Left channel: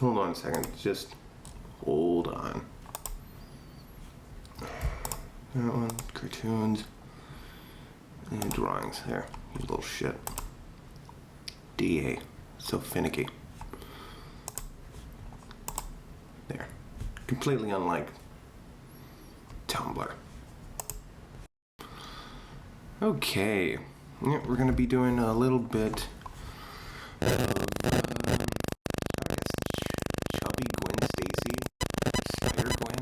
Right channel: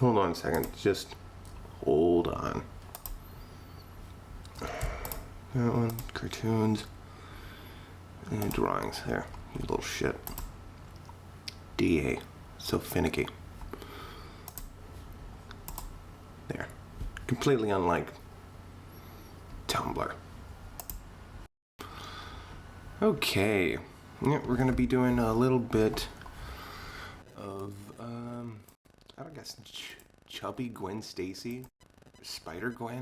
Hold on a second. Just hold on. That one, cartoons, and drawings. There, you little shit. DA, so finicky. There, completely unlike Tumblr. Okay, yeah, we're gonna be doing a little bit of, I guess, Chubby Gwen Stacy, Spider Gwen.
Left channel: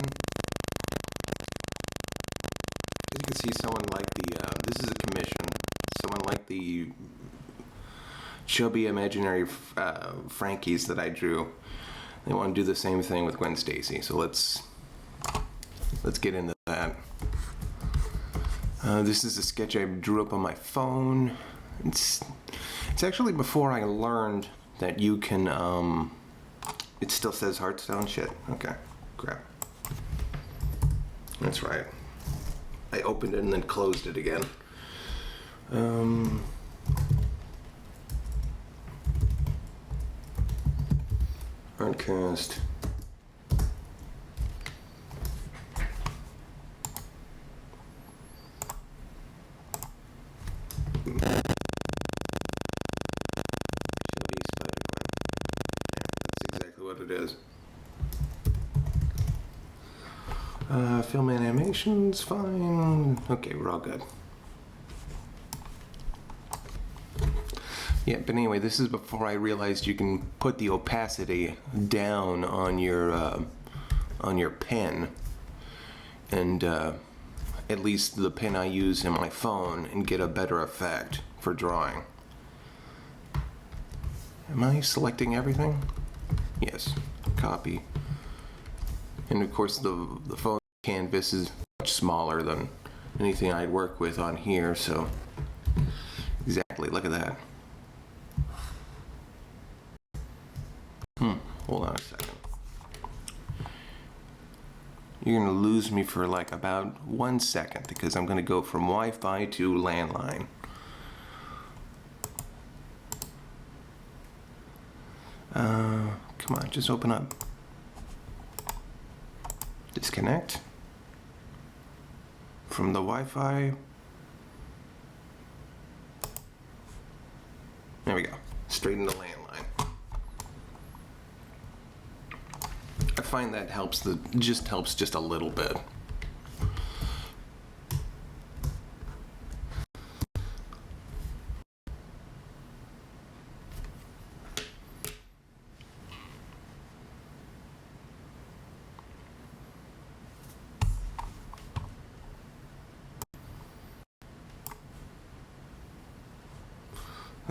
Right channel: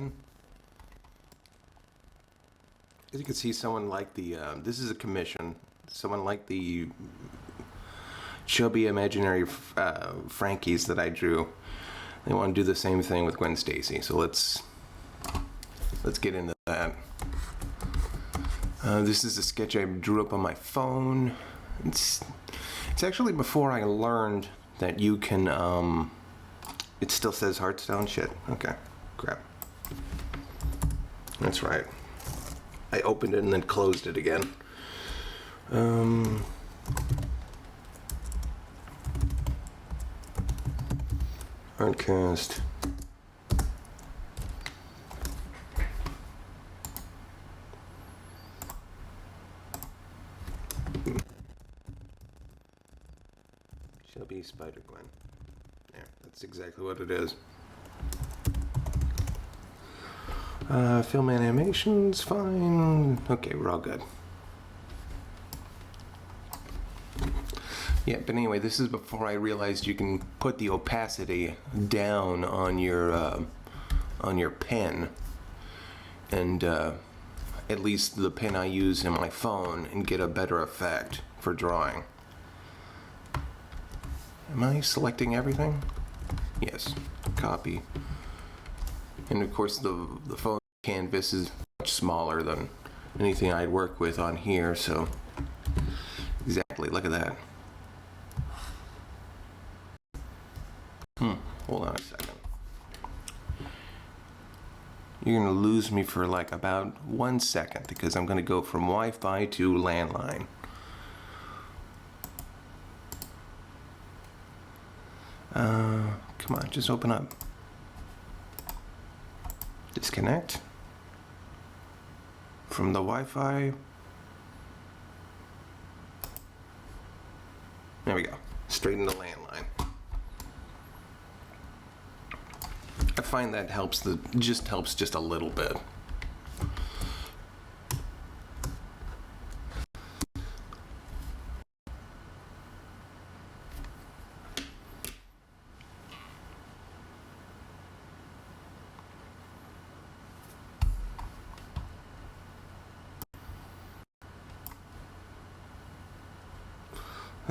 As you can see, someone like the, this is a commission, someone like the Chubby imaginary Frankies that I drew. They want to do the same thing with Gwen Stacy, so let's get into that. This is a sketch I drew up on my phone. It's actually before I learned that you can, it still says Hearthstone? Shit. Okay. Crap. That's right. I opened it and then closed it again. Hardcast. Chubby Spider-Gwen. Yeah, that's exactly what it is. Film animation's fine. Okay, we're all good. Yeah, but anyway, this is before I realized you can put the opacity down on your pen, and at least the pen I use in my phone, and get a better effect for drawing. Am I selecting everything? Yes. Copy. And of course the phone canvas is much smaller than anything I'd work with on here, so exactly, look at that. Hold on a second. You're gonna lose me for like about 1 second because I'm gonna go from Wi-Fi to landline. Come on, just open up. Disconnect from the Wi-Fi. There we go. Straight into landline. I find that helps just a little bit.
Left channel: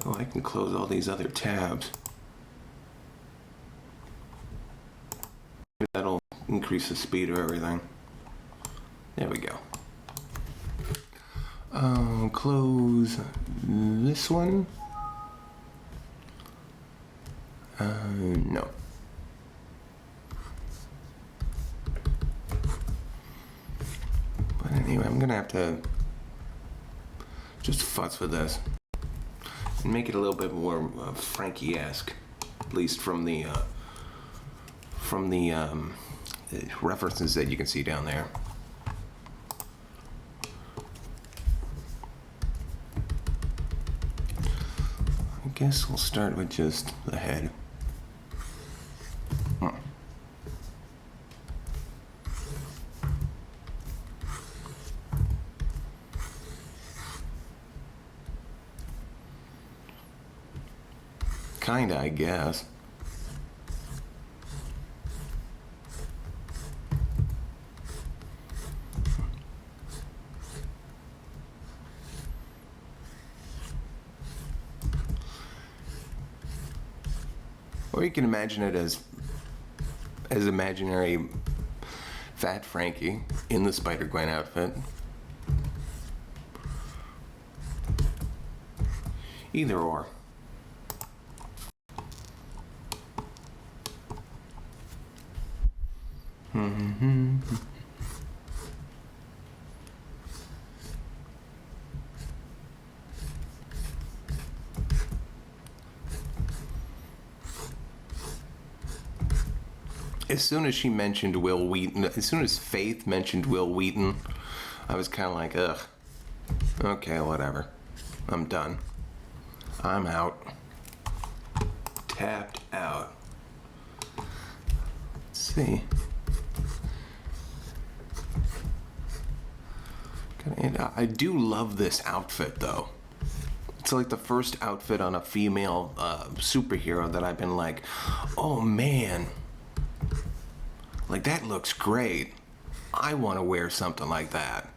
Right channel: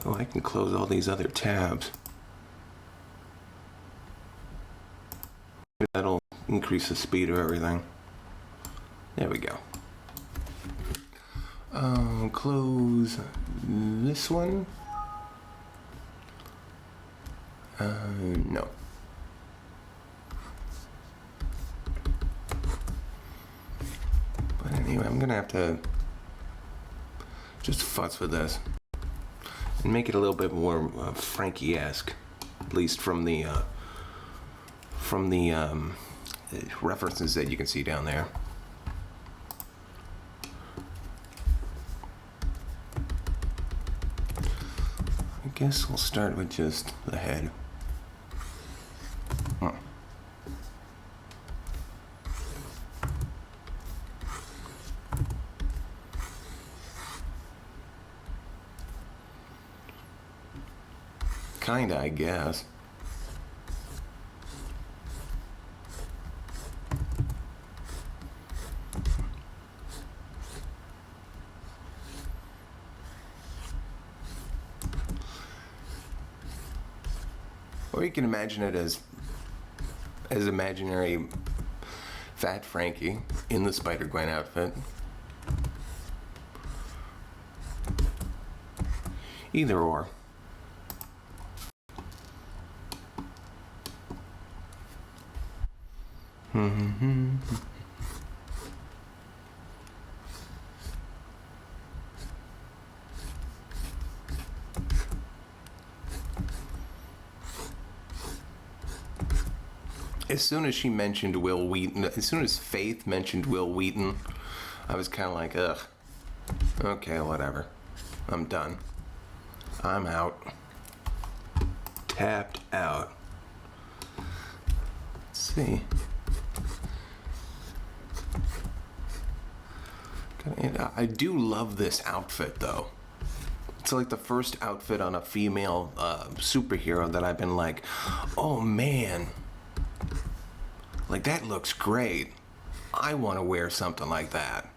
Oh, I can close all these other tabs. That'll increase the speed of everything. There we go. Close this one. No. But anyway, I'm gonna have to just fuss with this and make it a little bit more Frankie-esque, at least from the references that you can see down there. I guess we'll start with just the head. Kinda, I guess. Or you can imagine it as imaginary Fat Frankie in the Spider-Gwen outfit. Either or. As soon as she mentioned Will Wheaton, as soon as Faith mentioned Will Wheaton, I was kind of like, ugh. Okay, whatever. I'm done. I'm out. Tapped out. Let's see. I do love this outfit, though. It's like the first outfit on a female superhero that I've been like, oh man, like that looks great. I want to wear something like that.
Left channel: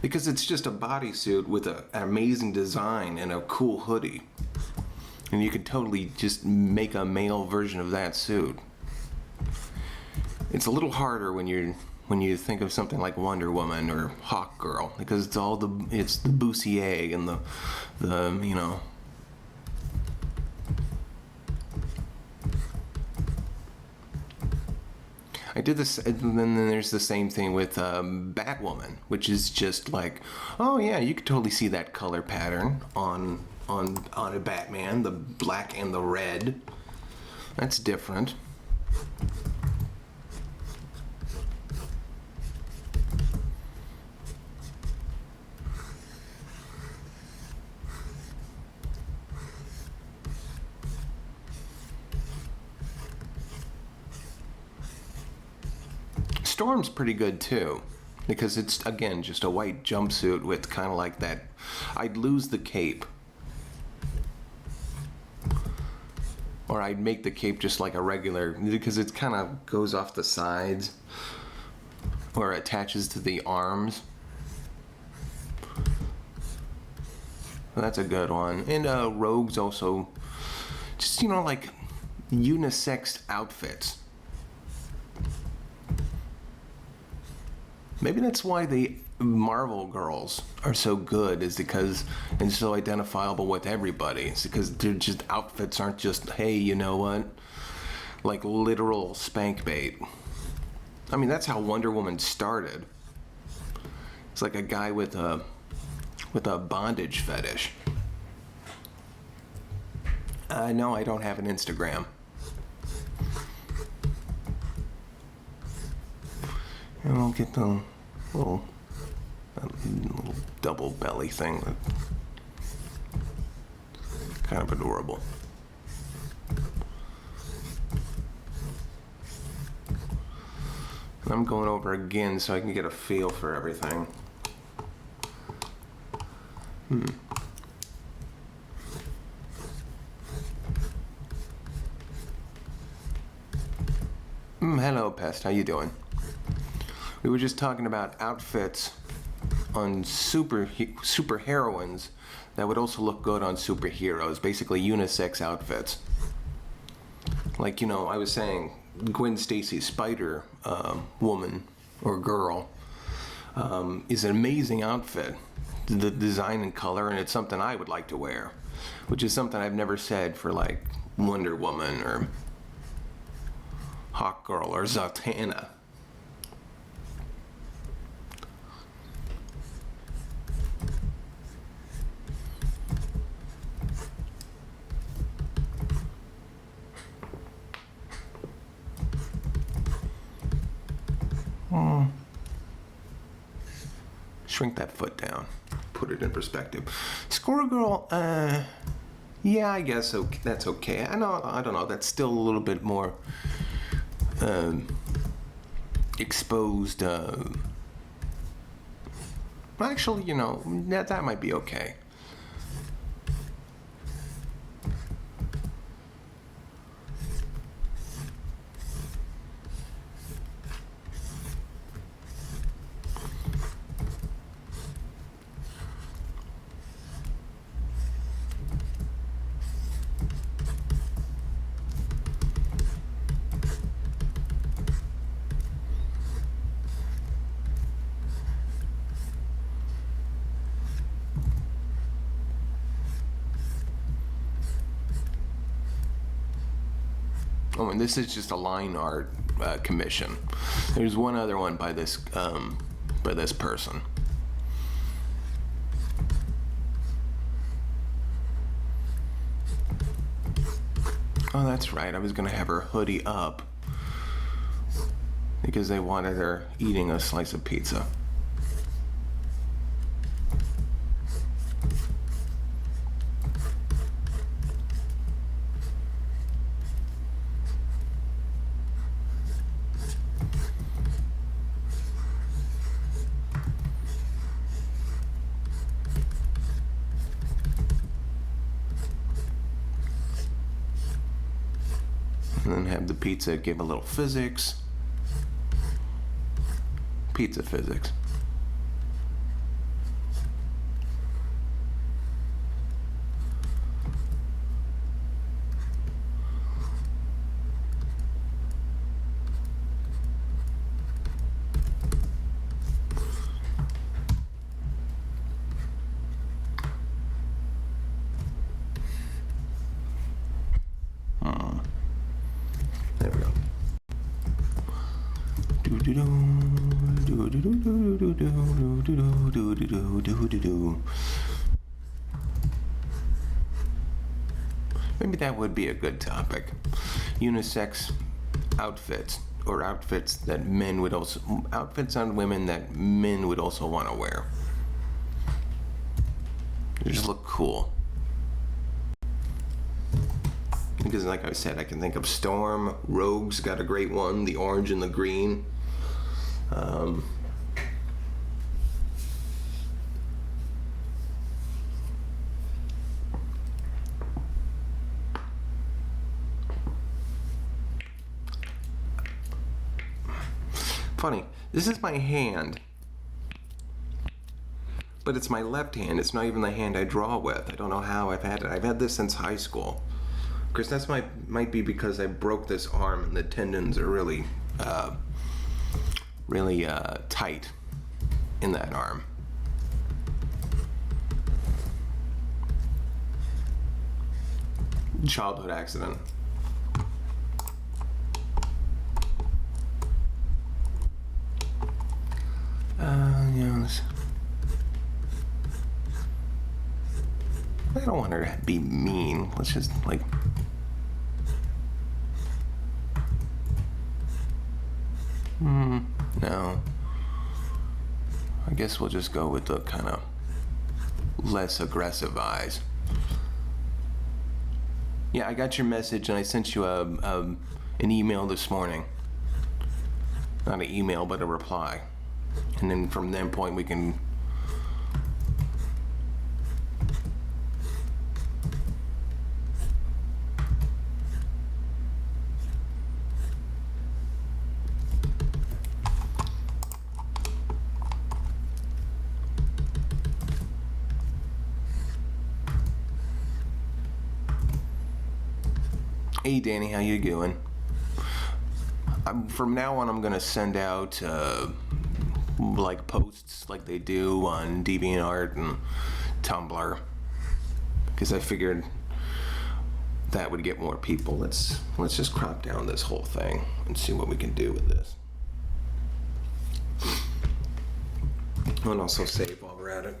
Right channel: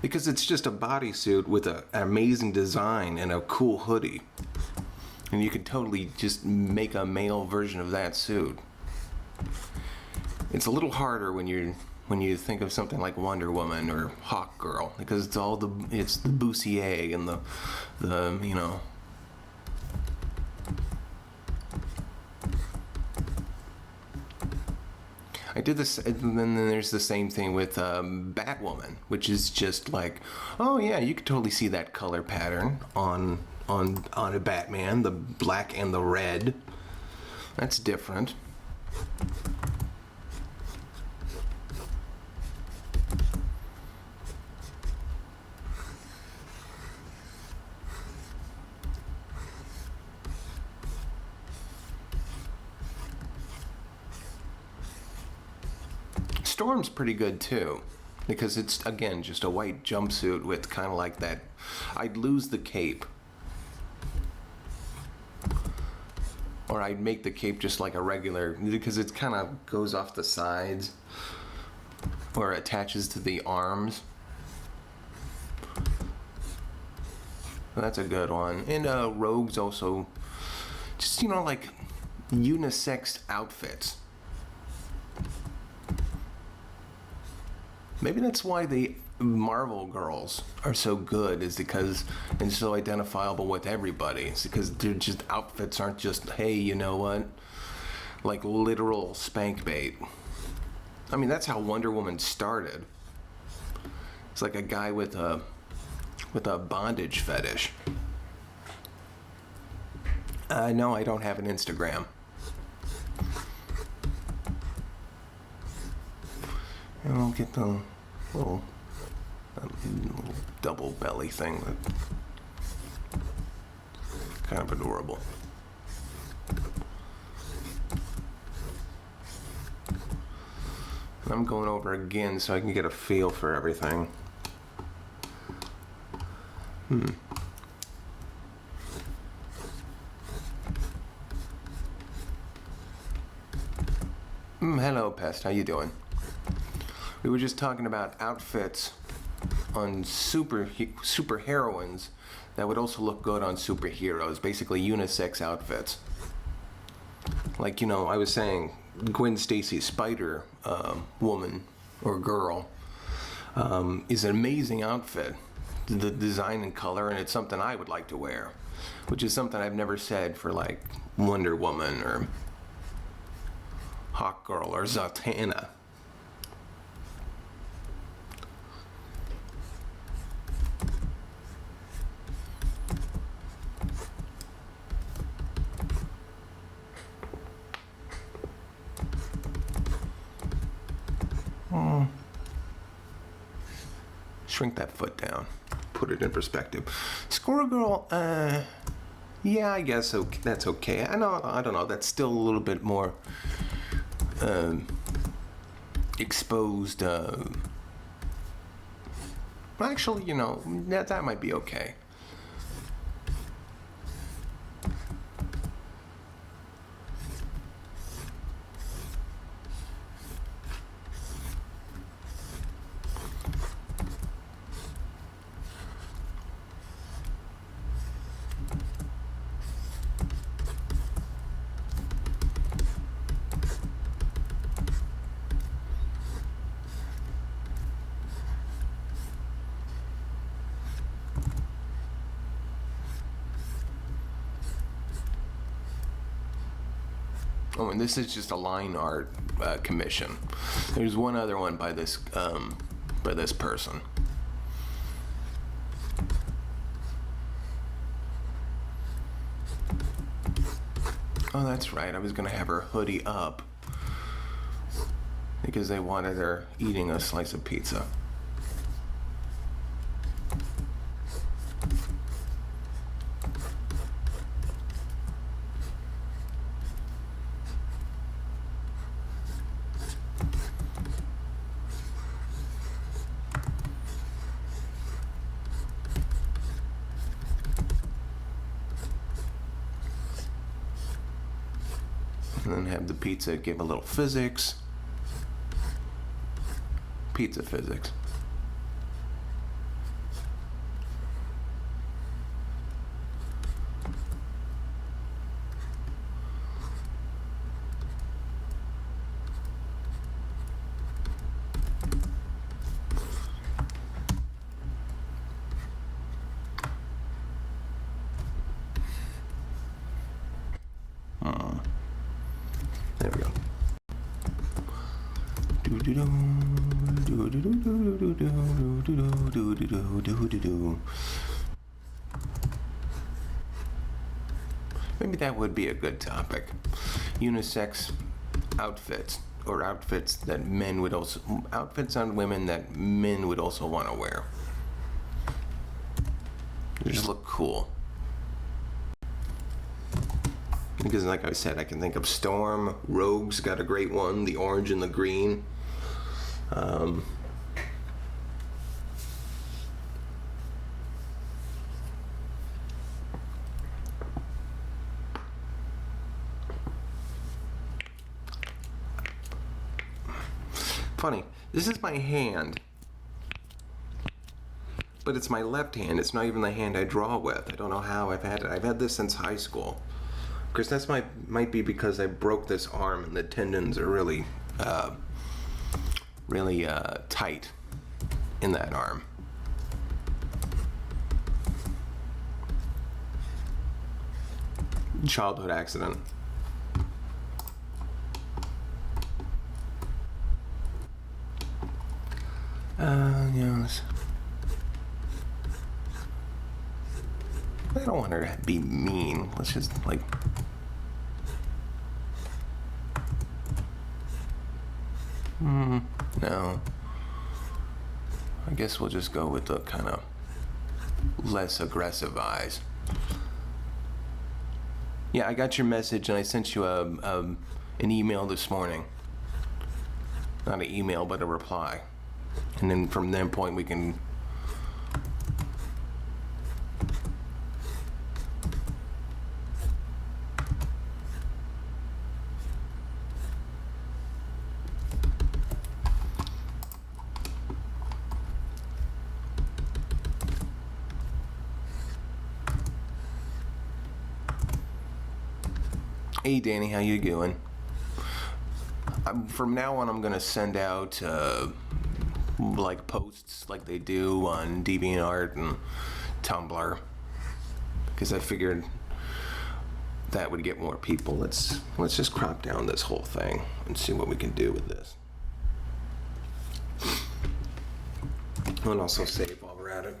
Because it's just a bodysuit with an amazing design and a cool hoodie. And you can totally just make a male version of that suit. It's a little harder when you think of something like Wonder Woman or Hawk Girl, because it's the bustier and the you know. I did this, and then there's the same thing with Batwoman, which is just like, oh yeah, you could totally see that color pattern on a Batman, the black and the red. That's different. Storm's pretty good too, because it's again just a white jumpsuit with kind of like that. I'd lose the cape, or I'd make the cape just like a regular, because it kind of goes off the sides or attaches to the arms. That's a good one. And Rogue's also just, you know, like unisex outfits. Maybe that's why the Marvel girls are so good, is because, and so identifiable with everybody. It's because they're just, outfits aren't just, hey, you know what, like literal spank bait. I mean, that's how Wonder Woman started. It's like a guy with a bondage fetish. No, I don't have an Instagram. And I'll get the little double belly thing. That's kind of adorable. And I'm going over again so I can get a feel for everything. Hello, Pest. How you doing? We were just talking about outfits on super heroines that would also look good on superheroes. Basically, unisex outfits. Like, you know, I was saying, Gwen Stacy's Spider woman or girl is an amazing outfit. The design and color, and it's something I would like to wear, which is something I've never said for like Wonder Woman or Hawk Girl or Zatanna. Shrink that foot down. Put it in perspective. Squirrel Girl, yeah, I guess that's okay. I don't know. That's still a little bit more exposed. Actually, you know, that might be okay. Oh, and this is just a line art commission. There's one other one by this person. Oh, that's right. I was gonna have her hoodie up because they wanted her eating a slice of pizza. And then have the pizza give a little physics. Pizza physics. There we go. Maybe that would be a good topic. Unisex outfits, or outfits that men would also, outfits on women that men would also want to wear. They just look cool. Because like I said, I can think of Storm, Rogue's got a great one, the orange and the green. Funny, this is my hand, but it's my left hand. It's not even the hand I draw with. I don't know how I've had it. I've had this since high school. Because that's might be because I broke this arm and the tendons are really tight in that arm. Childhood accident. Yes. I don't want her to be mean. Let's just like. No. I guess we'll just go with the kind of less aggressive eyes. Yeah, I got your message and I sent you an email this morning. Not an email, but a reply. And then from that point we can... Hey Danny, how you doing? From now on I'm gonna send out like posts like they do on DeviantArt and Tumblr, because I figured that would get more people. Let's just crop down this whole thing and see what we can do with this. And also save while we're at it.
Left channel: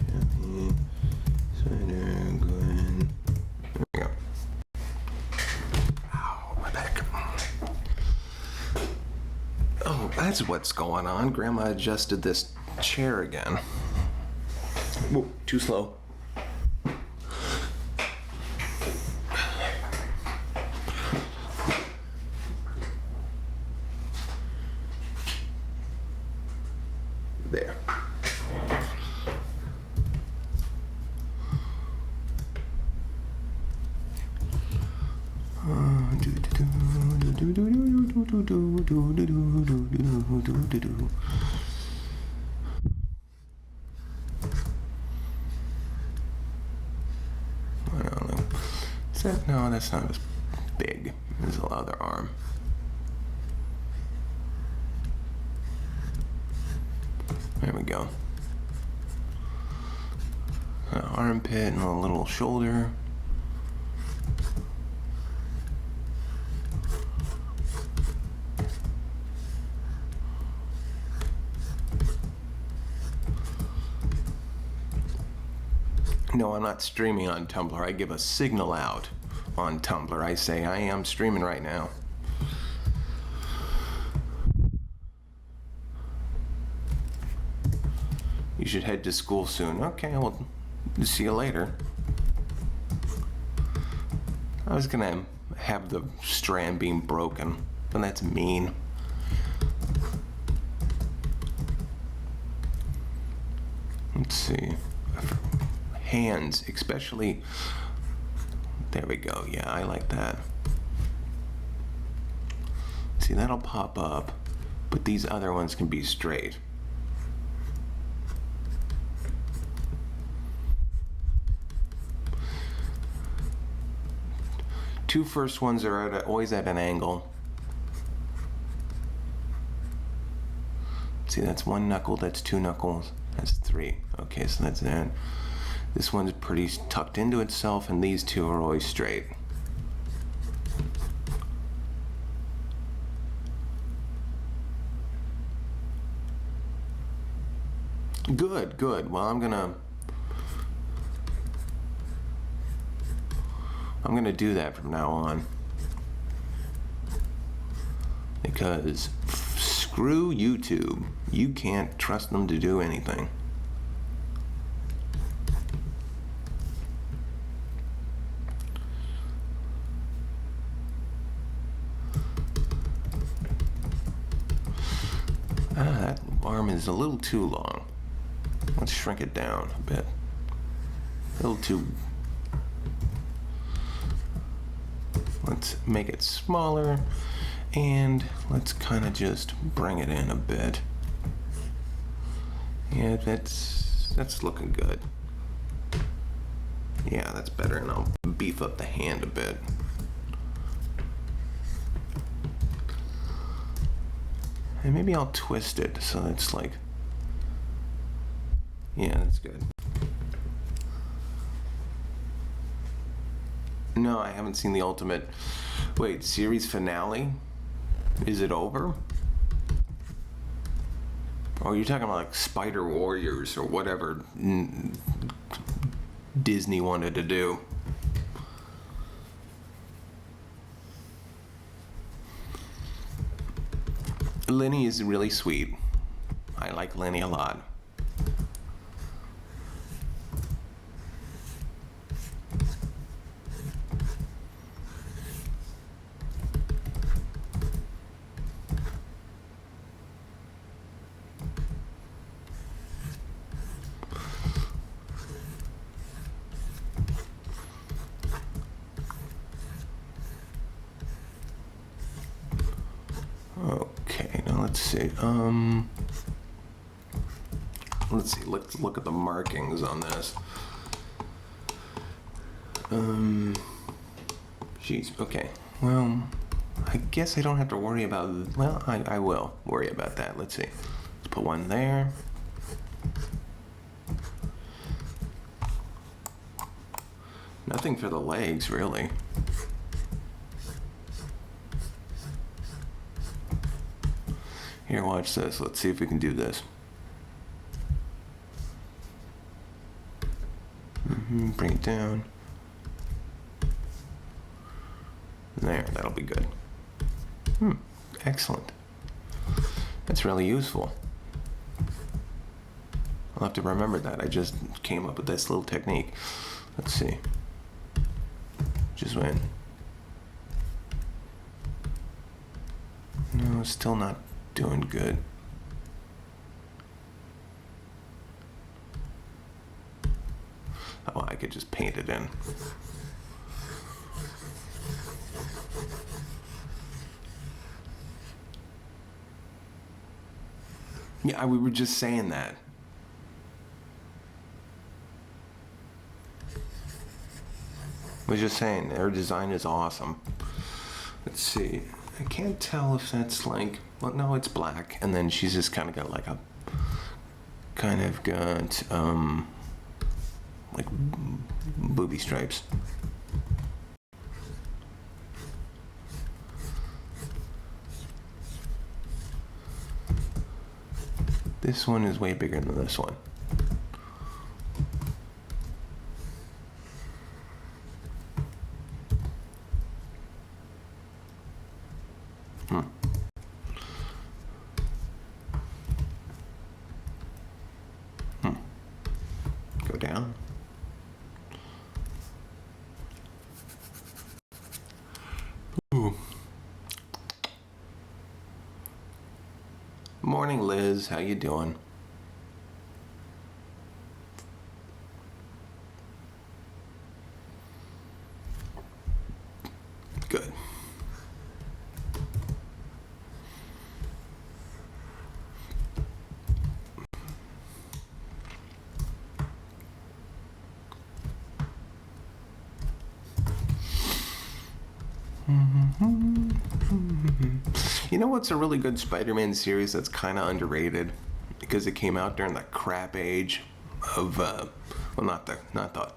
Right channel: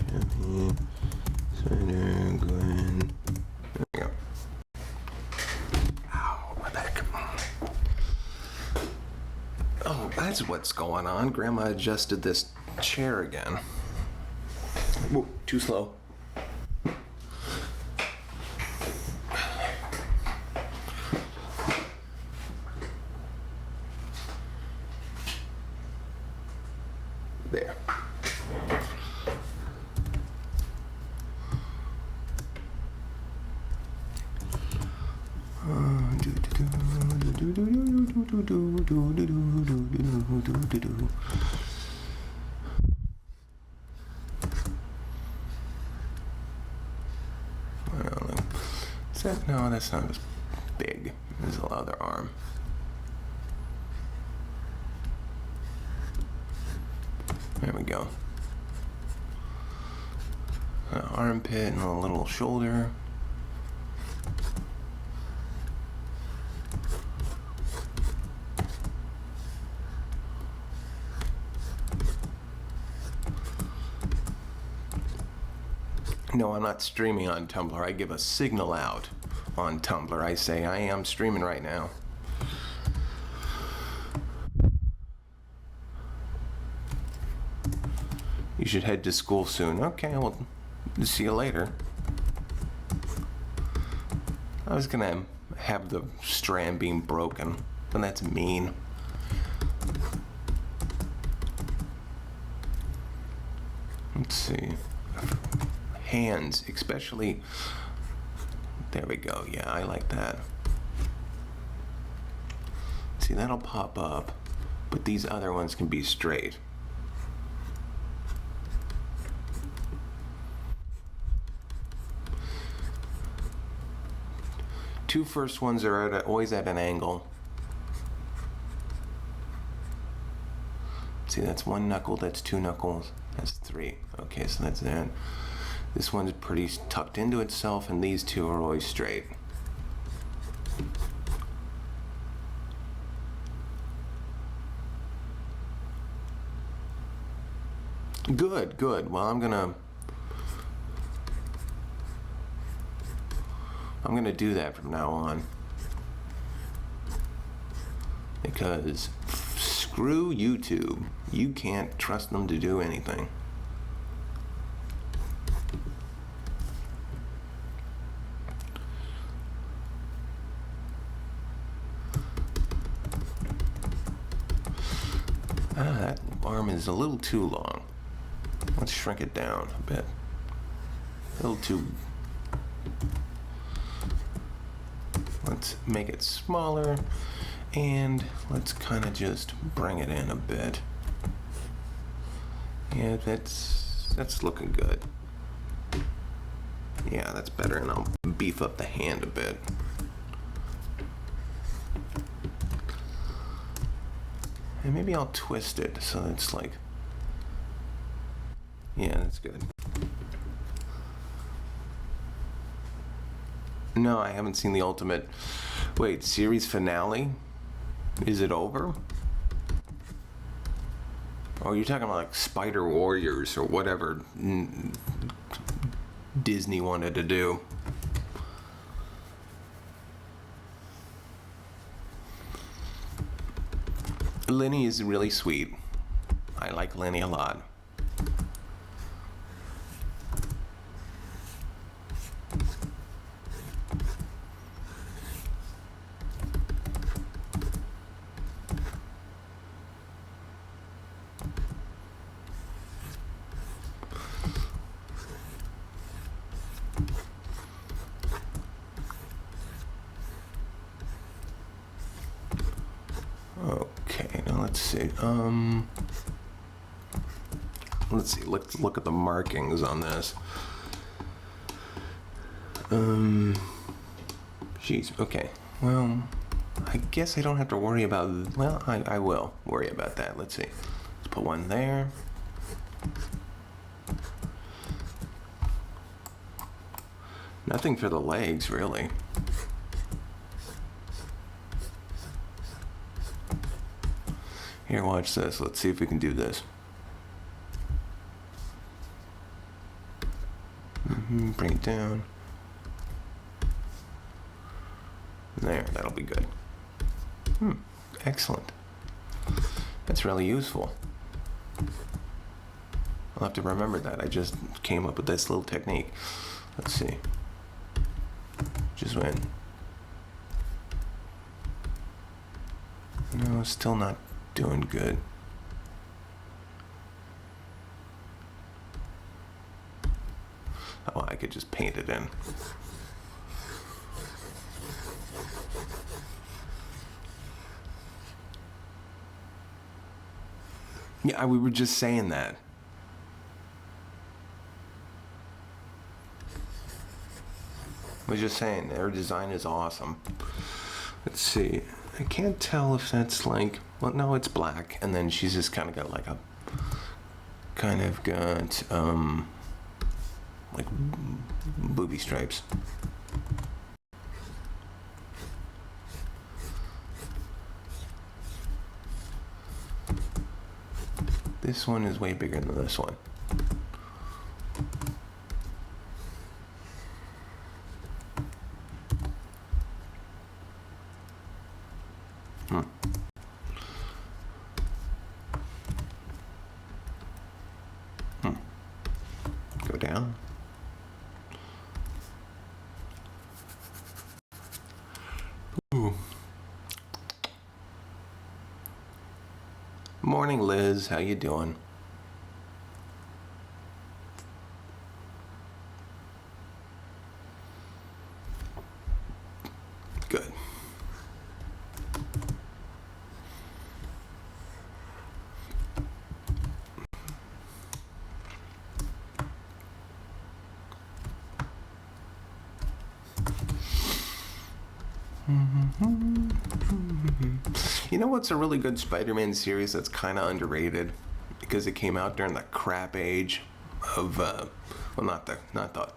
Chubby, Spider, Gwen. There we go. Ow, my back. Oh, that's what's going on. Grandma adjusted this chair again. Whoa, too slow. There. I don't know. Is that, no, that's not as big as the other arm. There we go. An armpit and a little shoulder. No, I'm not streaming on Tumblr. I give a signal out on Tumblr. I say I am streaming right now. You should head to school soon. Okay, well, see you later. I was gonna have the strand beam broken, but that's mean. Let's see. Hands, especially. There we go. Yeah, I like that. See, that'll pop up, but these other ones can be straight. Two first ones are always at an angle. See, that's one knuckle, that's two knuckles, that's three. Okay, so that's that. This one's pretty tucked into itself, and these two are always straight. Good, good. Well, I'm gonna do that from now on. Because screw YouTube. You can't trust them to do anything. That arm is a little too long. Let's shrink it down a bit. A little too... Let's make it smaller, and let's kind of just bring it in a bit. Yeah, that's looking good. Yeah, that's better, and I'll beef up the hand a bit. And maybe I'll twist it so it's like... Yeah, that's good. No, I haven't seen the Ultimate... Wait, series finale? Is it over? Oh, you're talking about like Spider Warriors or whatever Disney wanted to do. Lenny is really sweet. I like Lenny a lot. Okay, now let's see. Let's see. Let's look at the markings on this. Jeez. Okay. Well, I guess I don't have to worry about. Well, I will worry about that. Let's see. Let's put one there. Nothing for the legs, really. Here, watch this. Let's see if we can do this. Bring it down. There, that'll be good. Excellent. That's really useful. I'll have to remember that. I just came up with this little technique. Let's see. Just went. No, still not doing good. Oh, I could just paint it in. Yeah, we were just saying that. We were just saying their design is awesome. Let's see. I can't tell if that's like... Well, no, it's black. And then she's just kind of got like a... Kind of got... like booby stripes. This one is way bigger than this one. Yeah. Ooh. Morning, Liz. How you doing? Good. You know what's a really good Spider-Man series that's kind of underrated because it came out during the crap age of well, not the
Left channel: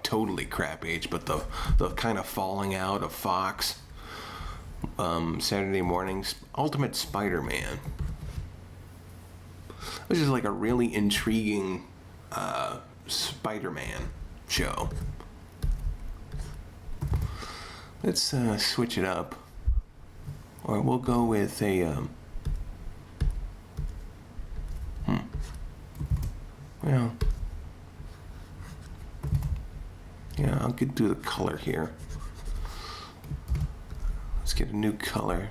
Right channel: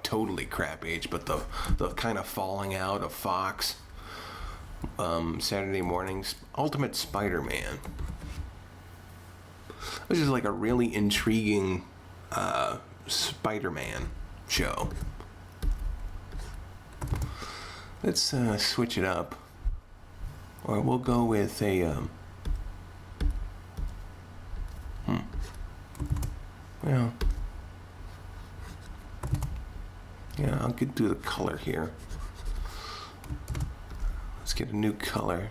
totally crap age, but the kind of falling out of Fox. Saturday mornings, Ultimate Spider-Man, which is like a really intriguing Spider-Man show. Let's switch it up. Or we'll go with a, well, yeah, I'll do the color here. Let's get a new color.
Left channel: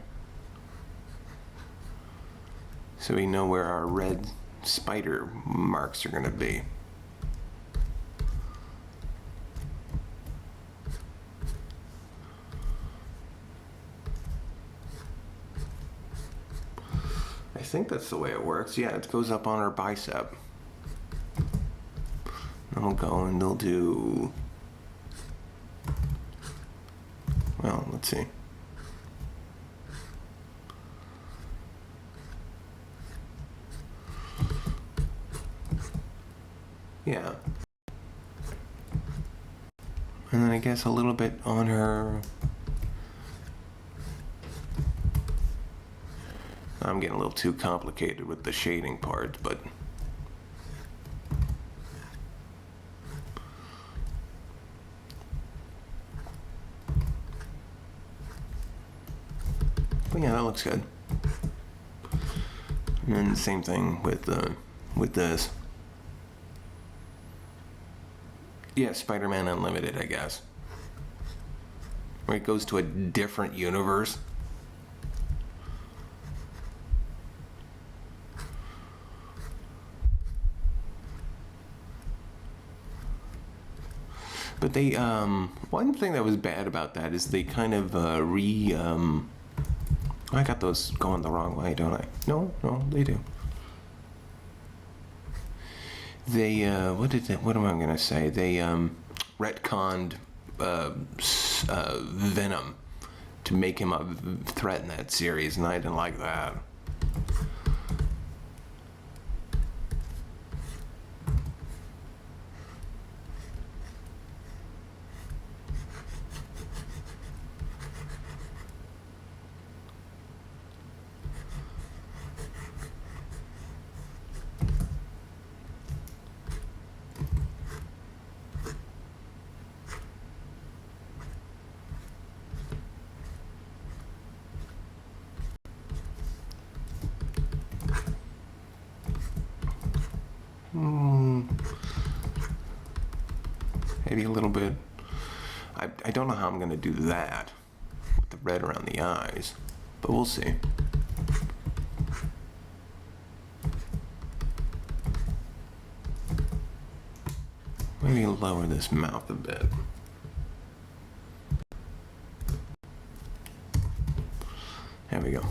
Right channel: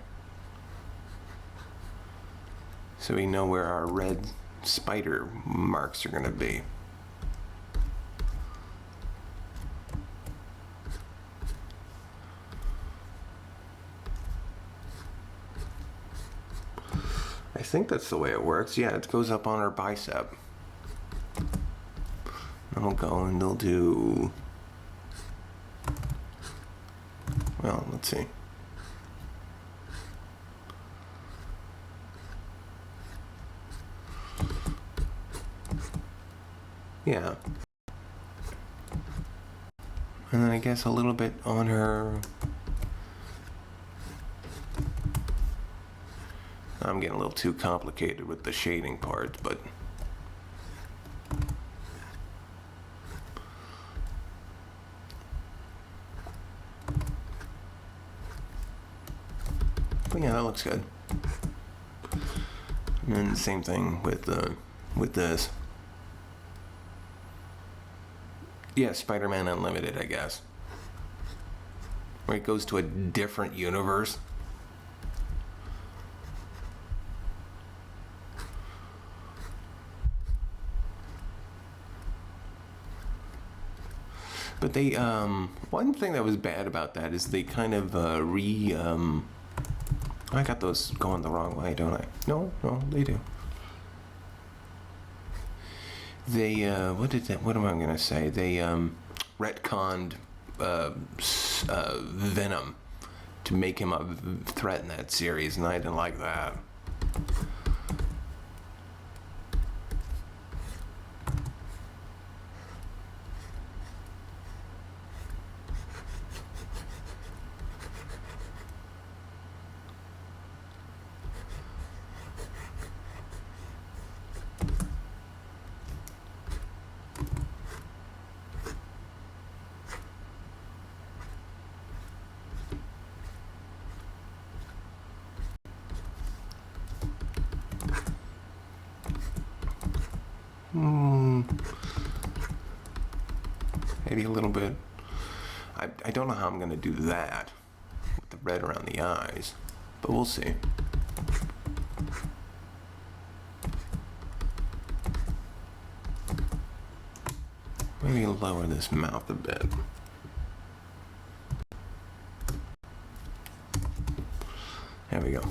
So we know where our red spider marks are going to be. I think that's the way it works. Yeah, it goes up on our bicep. And we'll go and they'll do... Well, let's see. Yeah. And then I guess a little bit on her... I'm getting a little too complicated with the shading part, but... But yeah, that looks good. And then the same thing with this. Yeah, Spider-Man Unlimited, I guess. Where it goes to a different universe. But they, one thing that was bad about that is they kind of I got those going the wrong way, don't I? No, they do. They, what am I gonna say? They, retconned, Venom to make him a threat in that series, and I didn't like that. Maybe a little bit. I don't know how I'm going to do that with the red around the eyes, but we'll see. Maybe lower this mouth a bit. There we go.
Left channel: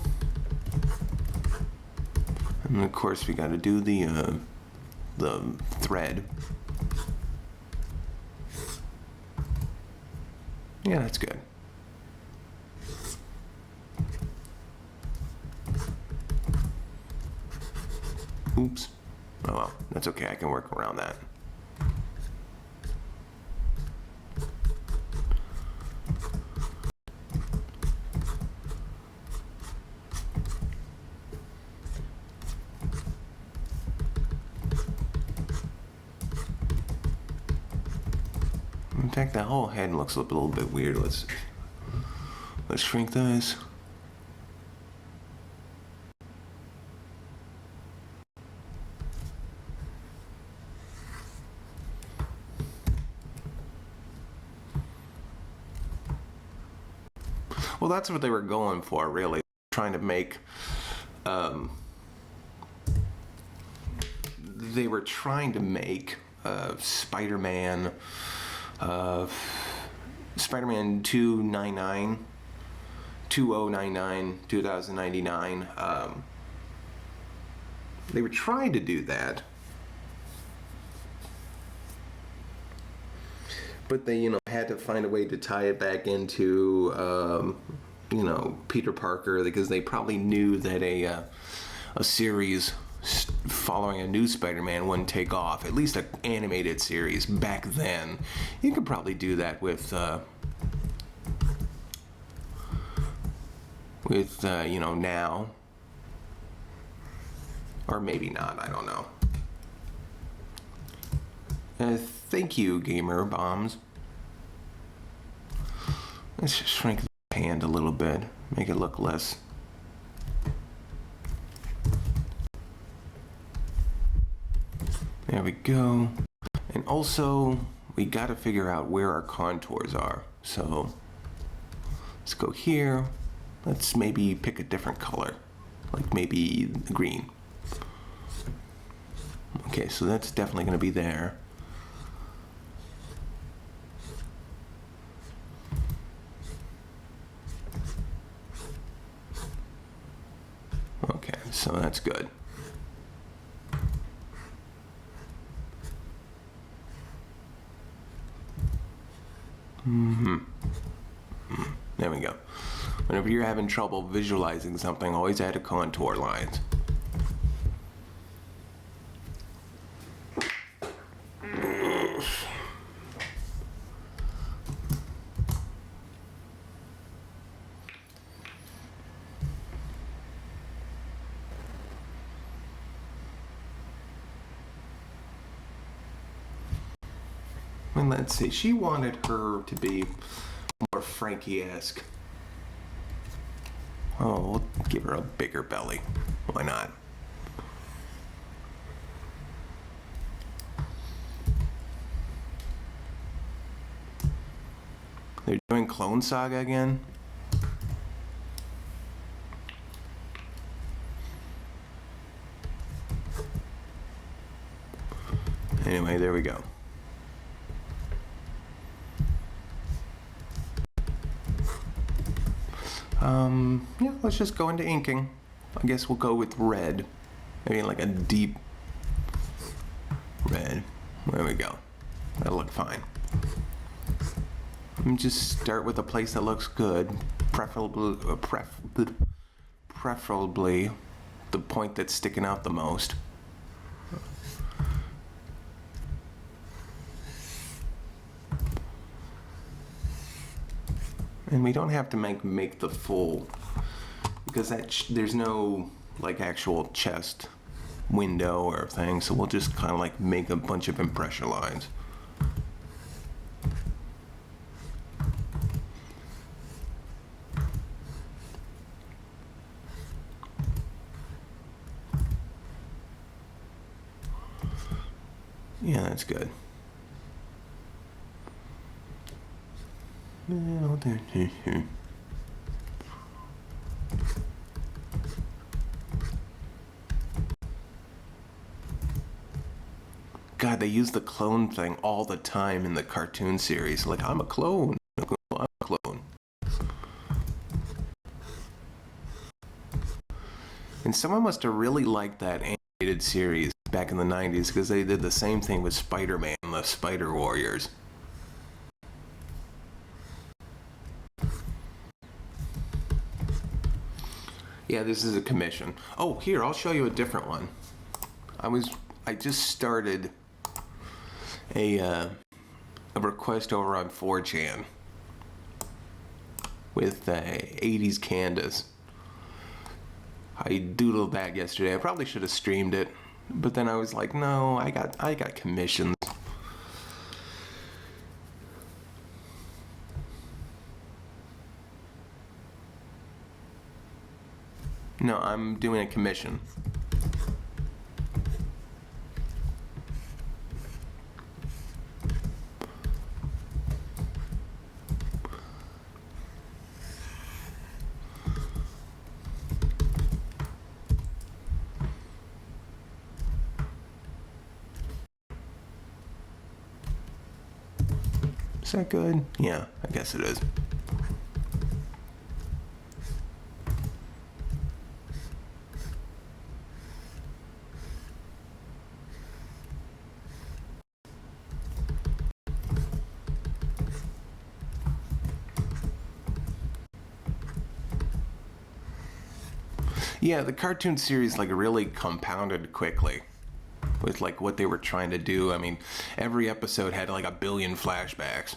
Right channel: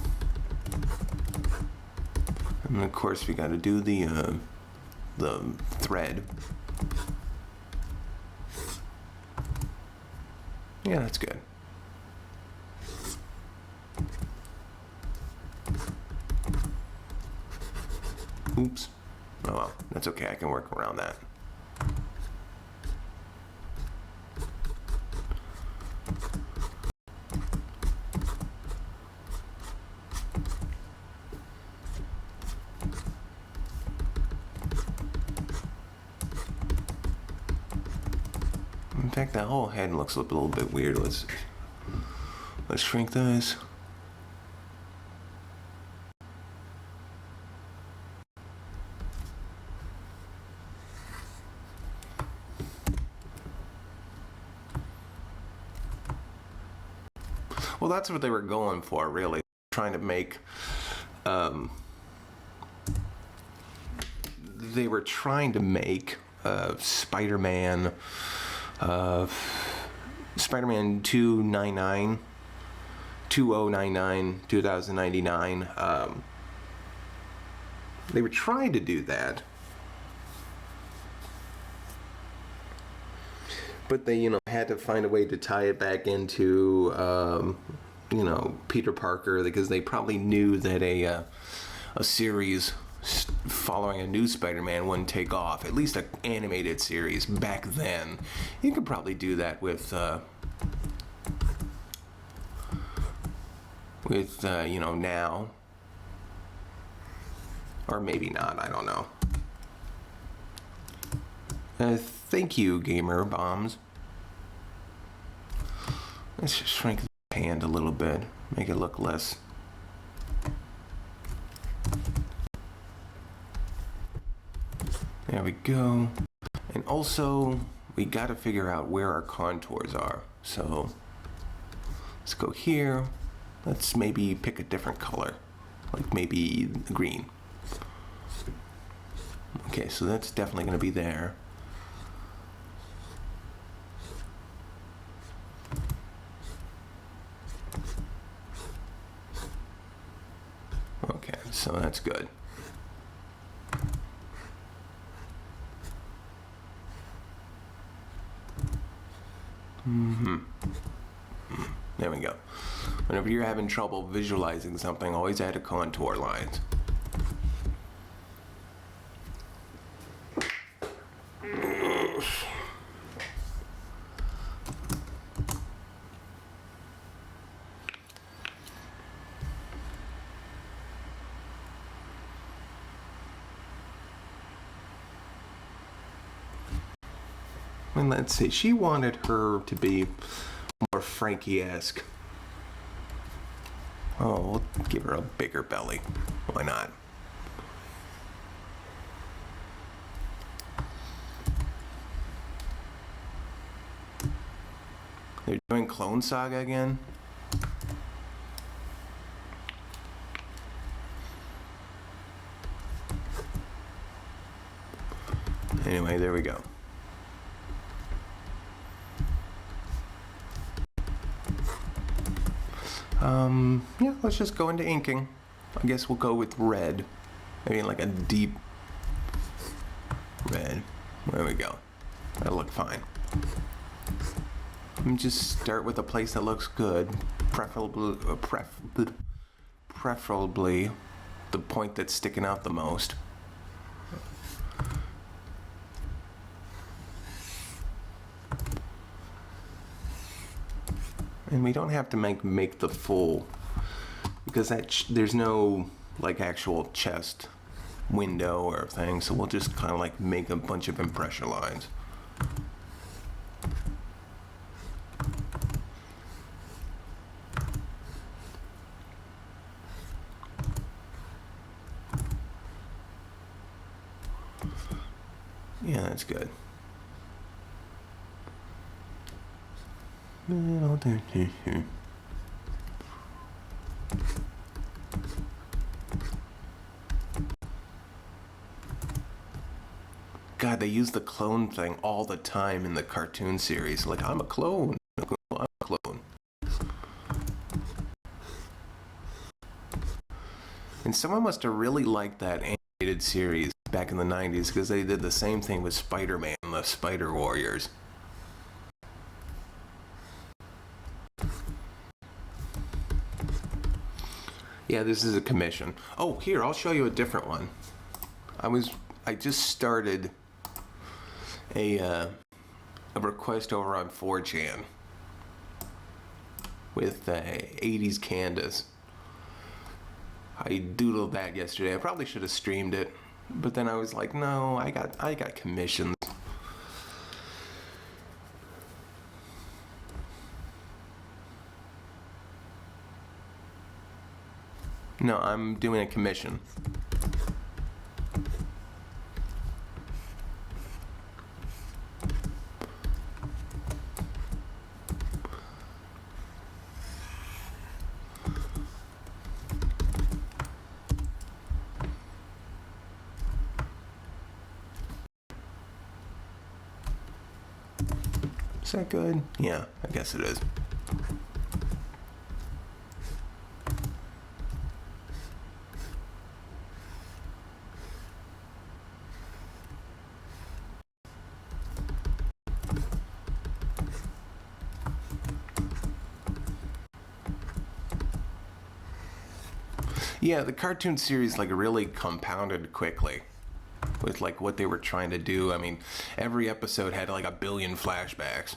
And of course we got to do the thread. Yeah, that's good. Oops. Oh well, that's okay. I can work around that. In fact, that whole head looks a little bit weird. Let's shrink this. Well, that's what they were going for, really. Trying to make, they were trying to make Spider-Man, Spider-Man 2099. They were trying to do that, but they, had to find a way to tie it back into, Peter Parker, because they probably knew that a series following a new Spider-Man wouldn't take off. At least an animated series back then. You could probably do that with now. Or maybe not, I don't know. Thank you, Gamer Bombs. Let's just shrink the hand a little bit, make it look less. There we go. And also, we gotta figure out where our contours are. So, let's go here. Let's maybe pick a different color, like maybe green. Okay, so that's definitely gonna be there. Okay, so that's good. There we go. Whenever you're having trouble visualizing something, always add a contour lines. And let's see, she wanted her to be more Frankie-esque. Oh, we'll give her a bigger belly. Why not? They're doing Clone Saga again? Anyway, there we go. Yeah, let's just go into inking. I guess we'll go with red. Maybe like a deep red. There we go. That'll look fine. Just start with a place that looks good. Preferably the point that's sticking out the most. And we don't have to make the full, because there's no like actual chest window or thing, so we'll just kind of like make a bunch of impression lines. Yeah, that's good. God, they use the clone thing all the time in the cartoon series. Like, I'm a clone. I'm a clone. And someone must have really liked that animated series back in the 90s, because they did the same thing with Spider-Man, the Spider Warriors. Yeah, this is a commission. Oh, here, I'll show you a different one. I just started a request over on 4chan with 80s Candace. I doodled that yesterday. I probably should have streamed it, but then I was like, no, I got commissions. No, I'm doing a commission. Is that good? Yeah, I guess it is. Yeah, the cartoon series like really compounded quickly with like what they were trying to do. I mean, every episode had like 1 billion flashbacks,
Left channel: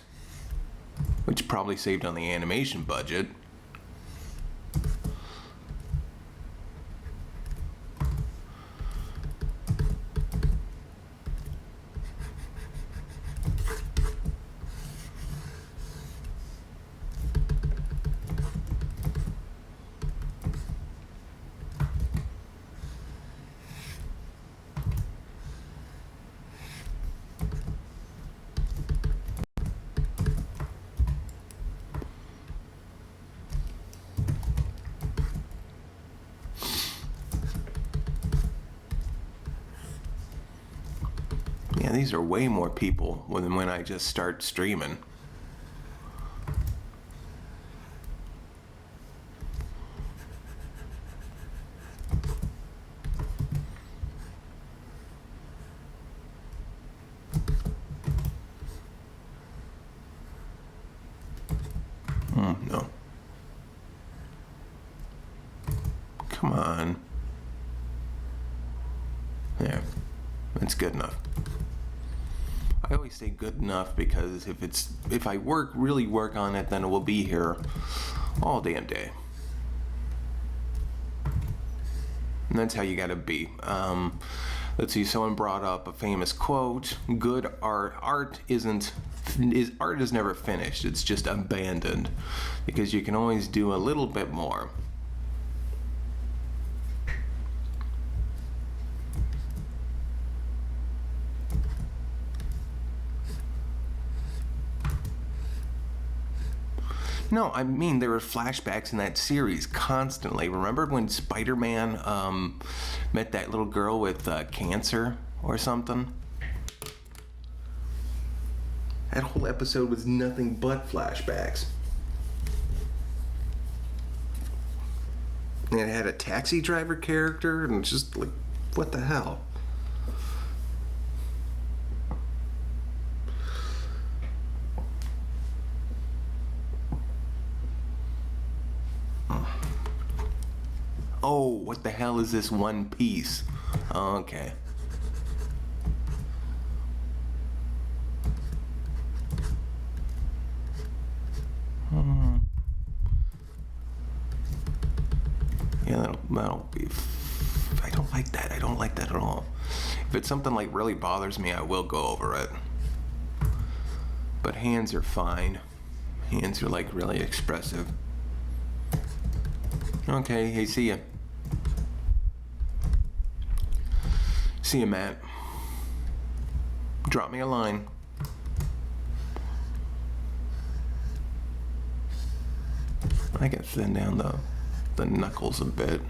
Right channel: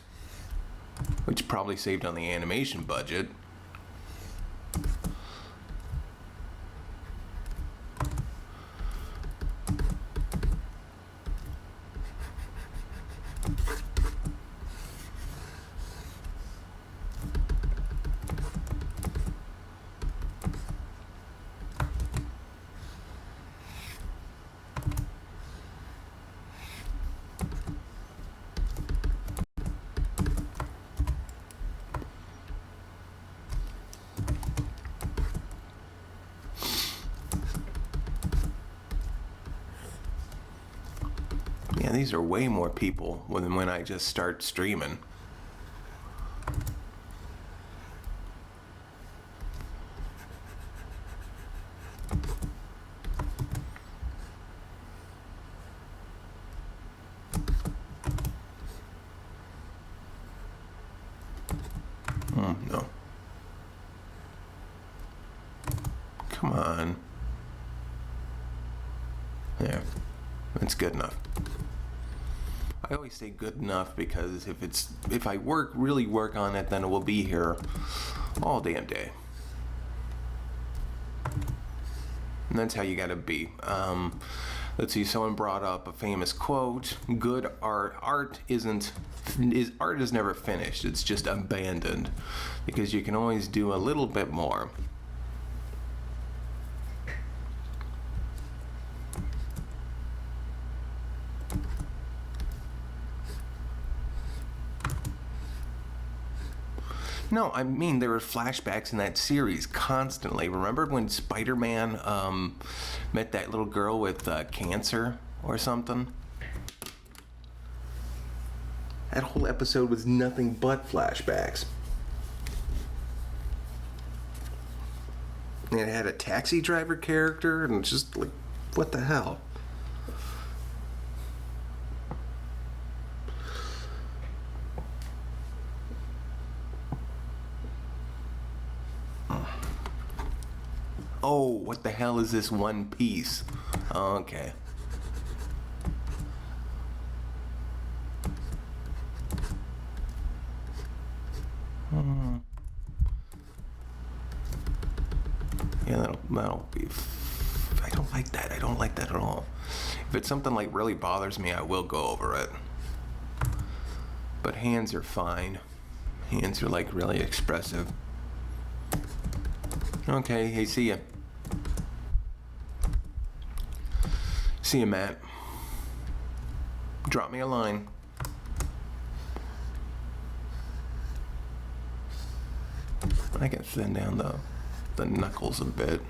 which probably saved on the animation budget. Yeah, these are way more people than when I just start streaming. No. Come on. There. That's good enough. I always say good enough because if I really work on it, then it will be here all damn day. And that's how you gotta be. Let's see, someone brought up a famous quote: good art is never finished, it's just abandoned, because you can always do a little bit more. No, I mean, there were flashbacks in that series constantly. Remember when Spider-Man met that little girl with cancer or something? That whole episode was nothing but flashbacks. And it had a taxi driver character, and it's just like, what the hell? Oh, what the hell is this One Piece? Oh, okay. Yeah, that'll be... I don't like that. I don't like that at all. If it's something like really bothers me, I will go over it. But hands are fine. Hands are like really expressive. Okay, hey, see ya. See ya, Matt. Drop me a line. I can thin down the knuckles a bit.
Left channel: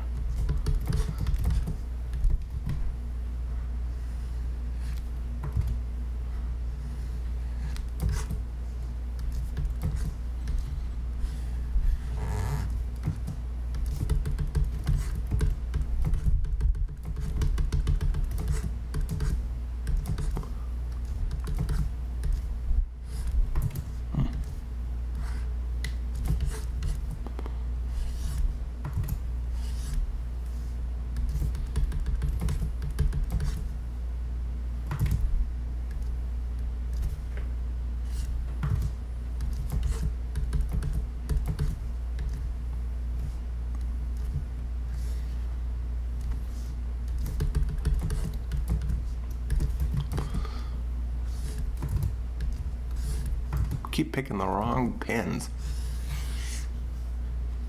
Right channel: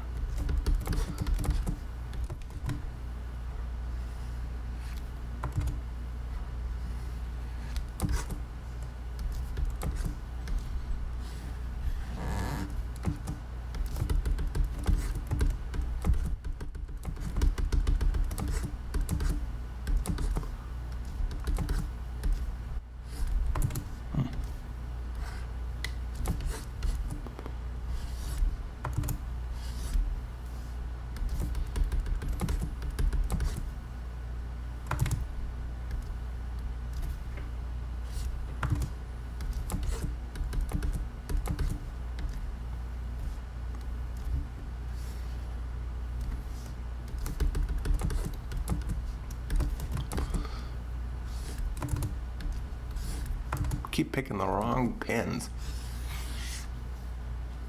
Keep picking the wrong pins.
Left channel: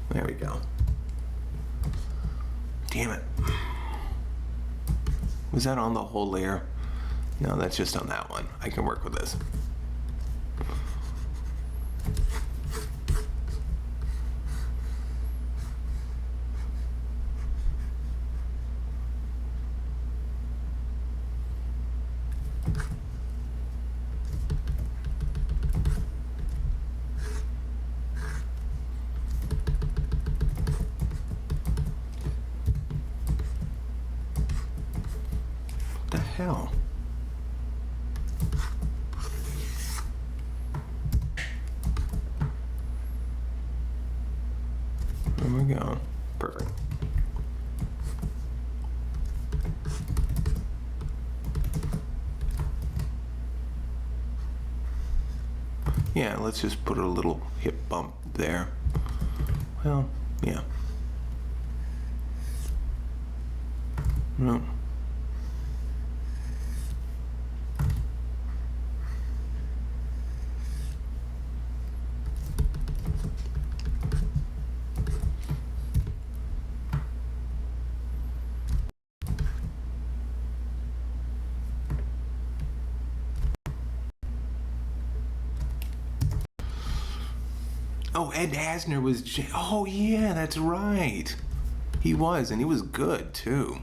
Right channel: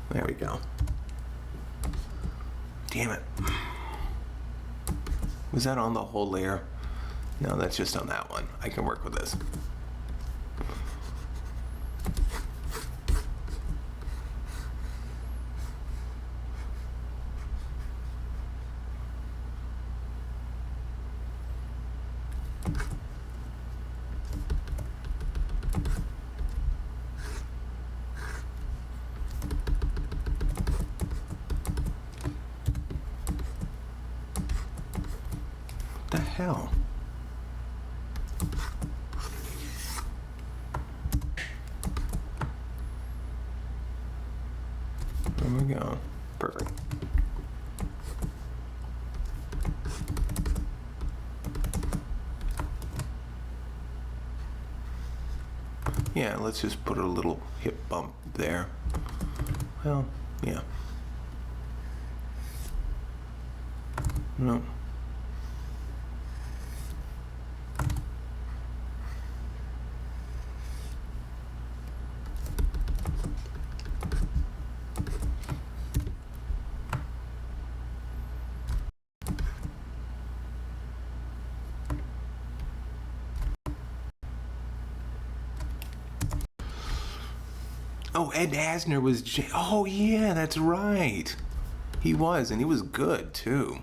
There we go. Damn it. Was that on the whole layer? No, that's just on that one. I can work with this. hell? There we go. Perfect. Yeah, let's just put a little hip bump there. Well, yeah. No. Oh, Ed Asner was... Oh, yeah, that's right. He was, and he was good, too.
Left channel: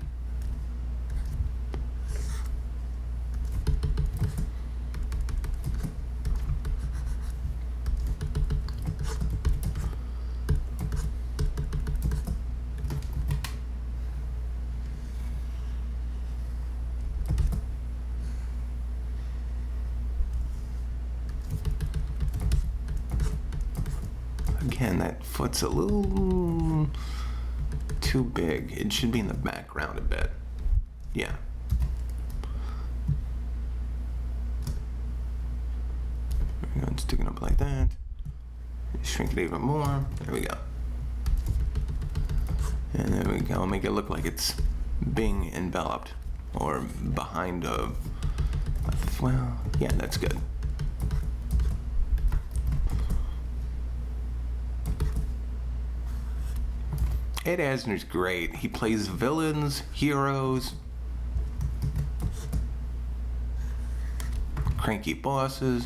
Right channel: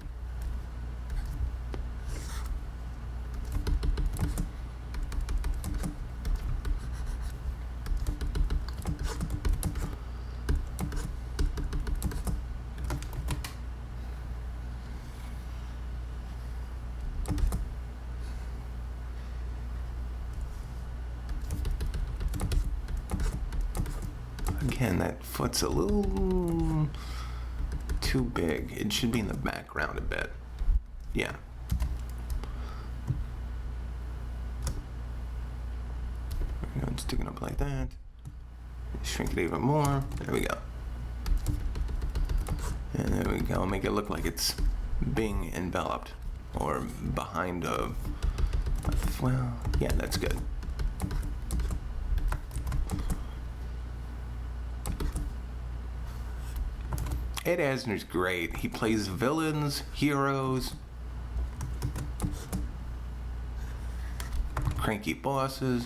Again, that foot's a little too big. It should be in the background a bit. Yeah. There we go. Stick it up like that. Shrink it even more. There we go. And there we go. Make it look like it's being enveloped or behind a well, yeah, that's good. Ed Asner's great. He plays villains, heroes, cranky bosses.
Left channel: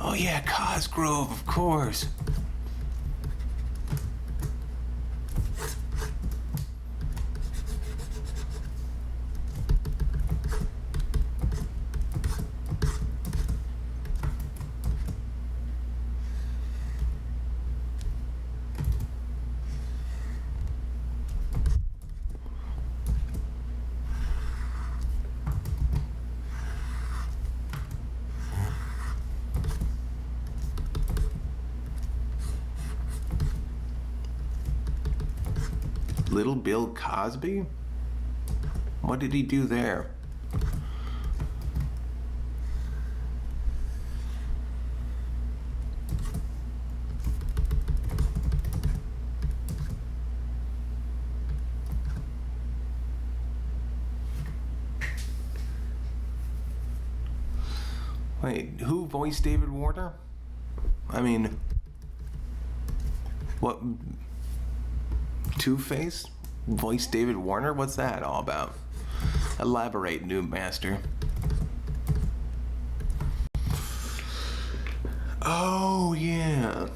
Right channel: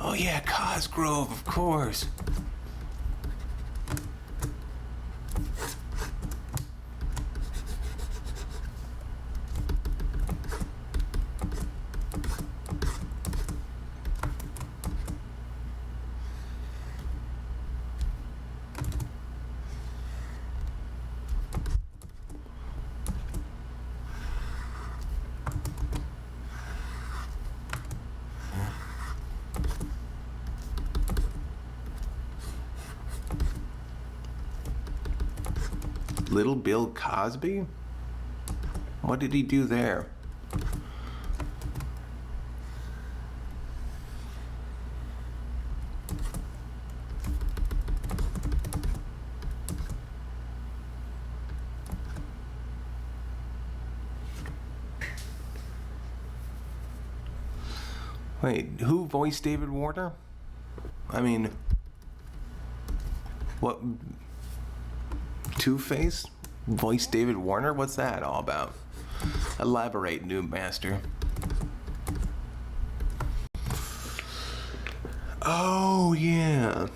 Oh yeah, Cosgrove, of course. Little Bill Cosby? What did he do there? Wait, who voiced David Warner? I mean, what? Two-Face? Voiced David Warner? What's that all about? Elaborate, new master. Oh, yeah.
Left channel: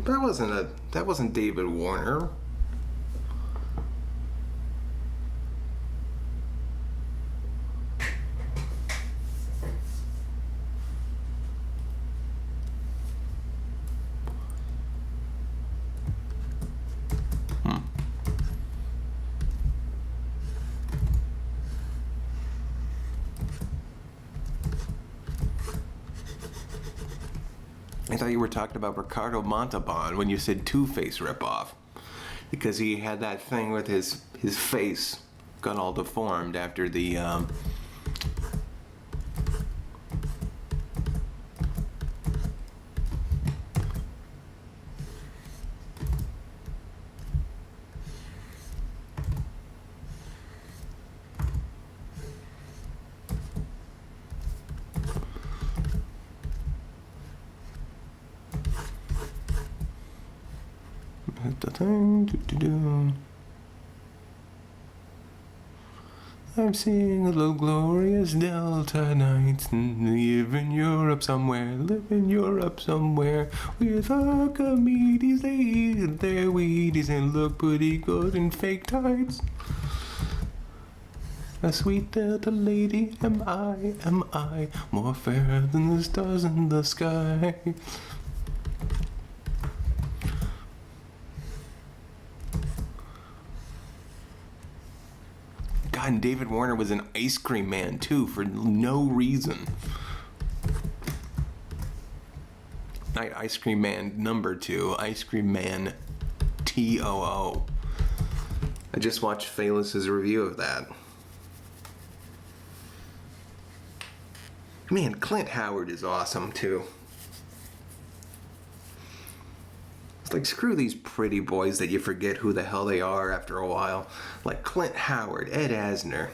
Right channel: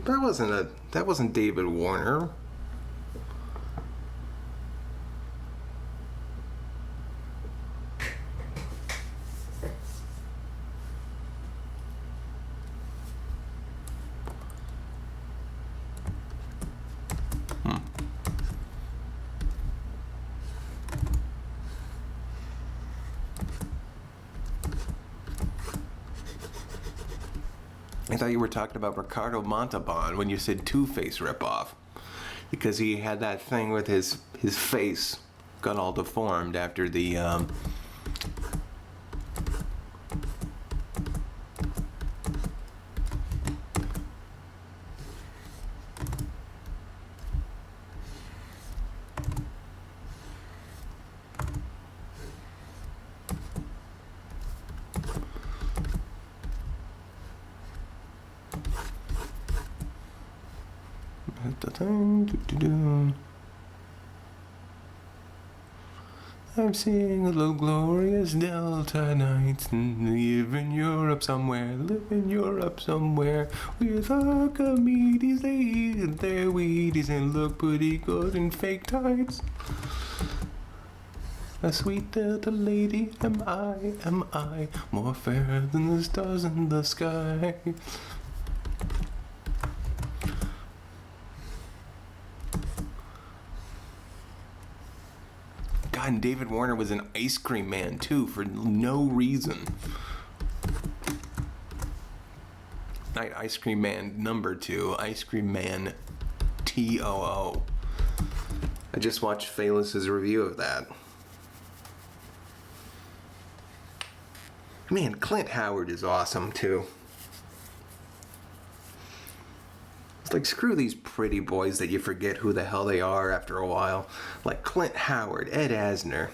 That wasn't David Warner. I thought you were talking about Ricardo Montalban when you said Two-Face ripoff, because he had that thing with his face got all deformed after the I'm seeing the glorious Delta nights. Live in Europe somewhere, live in Europe somewhere. With Archimedes, they eat their Wheaties and look pretty good in fake tights. A sweet Delta lady, am I, more fair than the stars in the sky. God, and David Warner was an ice cream man too, for no reason. Night Ice Cream Man #2, Ice Cream Man TOO. I just watched Phalus's review of that. Man, Clint Howard is awesome too. It's like, screw these pretty boys that you forget who the hell they are after a while. Like Clint Howard, Ed Asner.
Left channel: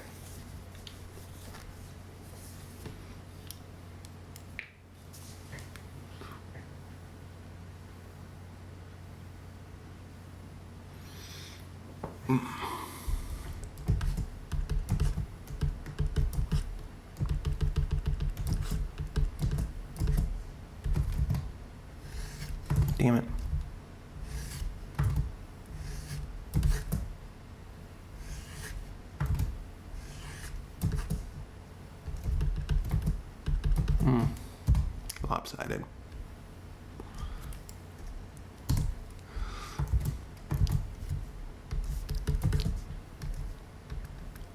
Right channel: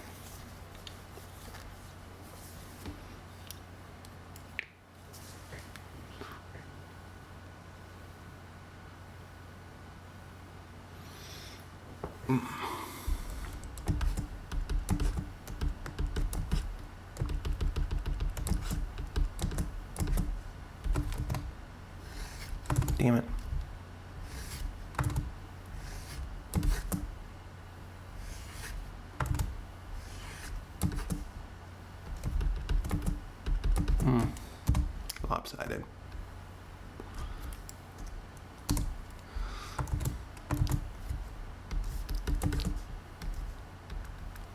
Damn it. Lopsided.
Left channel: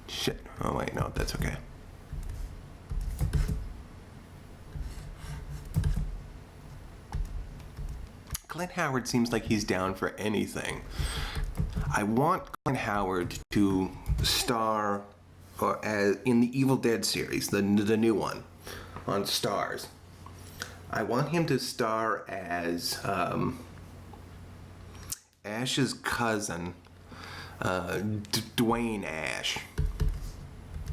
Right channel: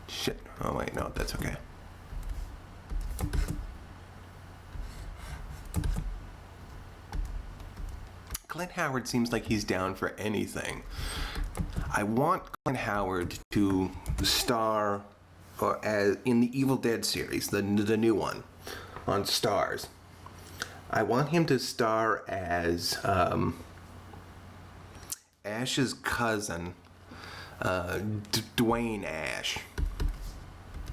Shit. Oh wait, no, that's okay. Clint Howard seems like he's down for anything. I want Clint Howard to star in the Evil Dead series, the new one on Stars. I want him to star as Ash's cousin, Dwayne Ash,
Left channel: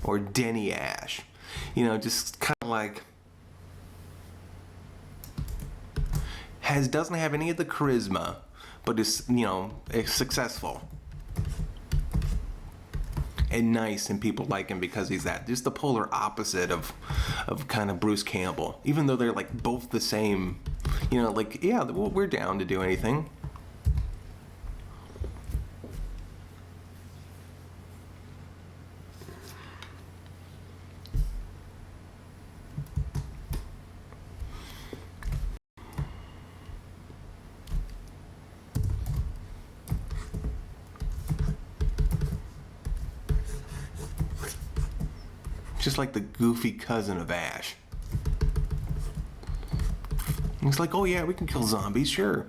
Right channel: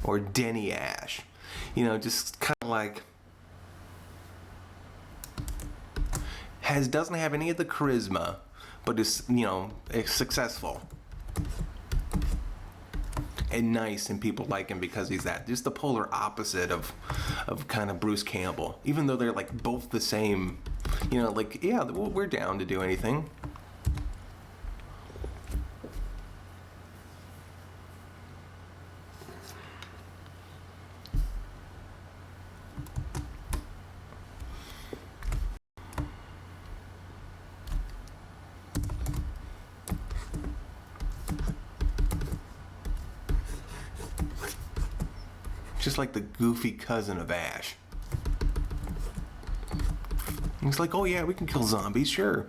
or Denny Ash. You know, just kind of like doesn't have any of the charisma, but is, you know, is successful and nice, and people like him because he's that. Just the polar opposite of kind of Bruce Campbell. Even though they're like both the same, you know, like, yeah, we're down to do anything. Just like the goofy cousin of Ash. He's like, oh yeah, we can kill zombies, sure.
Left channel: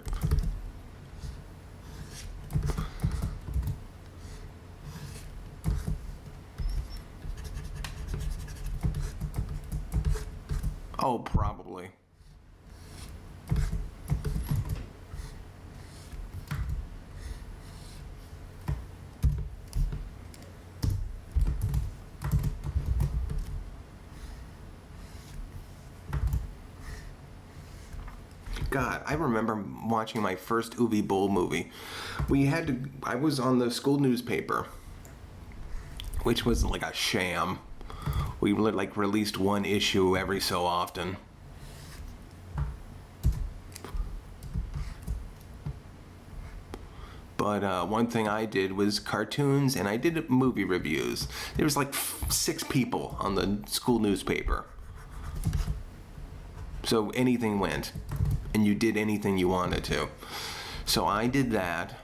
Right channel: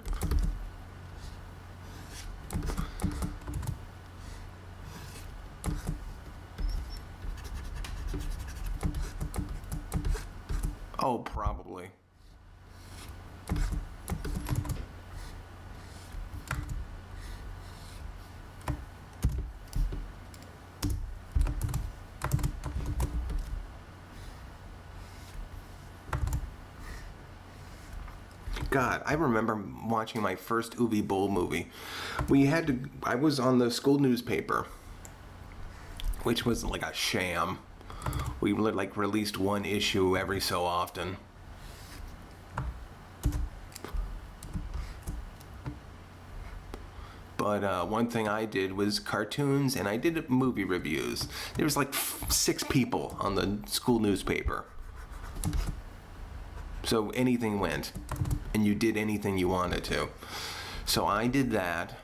Oh, probably. God, I remember watching my first Uwe Boll movie. I was on the school newspaper, which was like a sham. We like released one issue every so often. But one thing I did was cartoons, and I did movie reviews. There was like 6 people on the school newspaper. So anything went, and you did anything you wanted to. So I did that,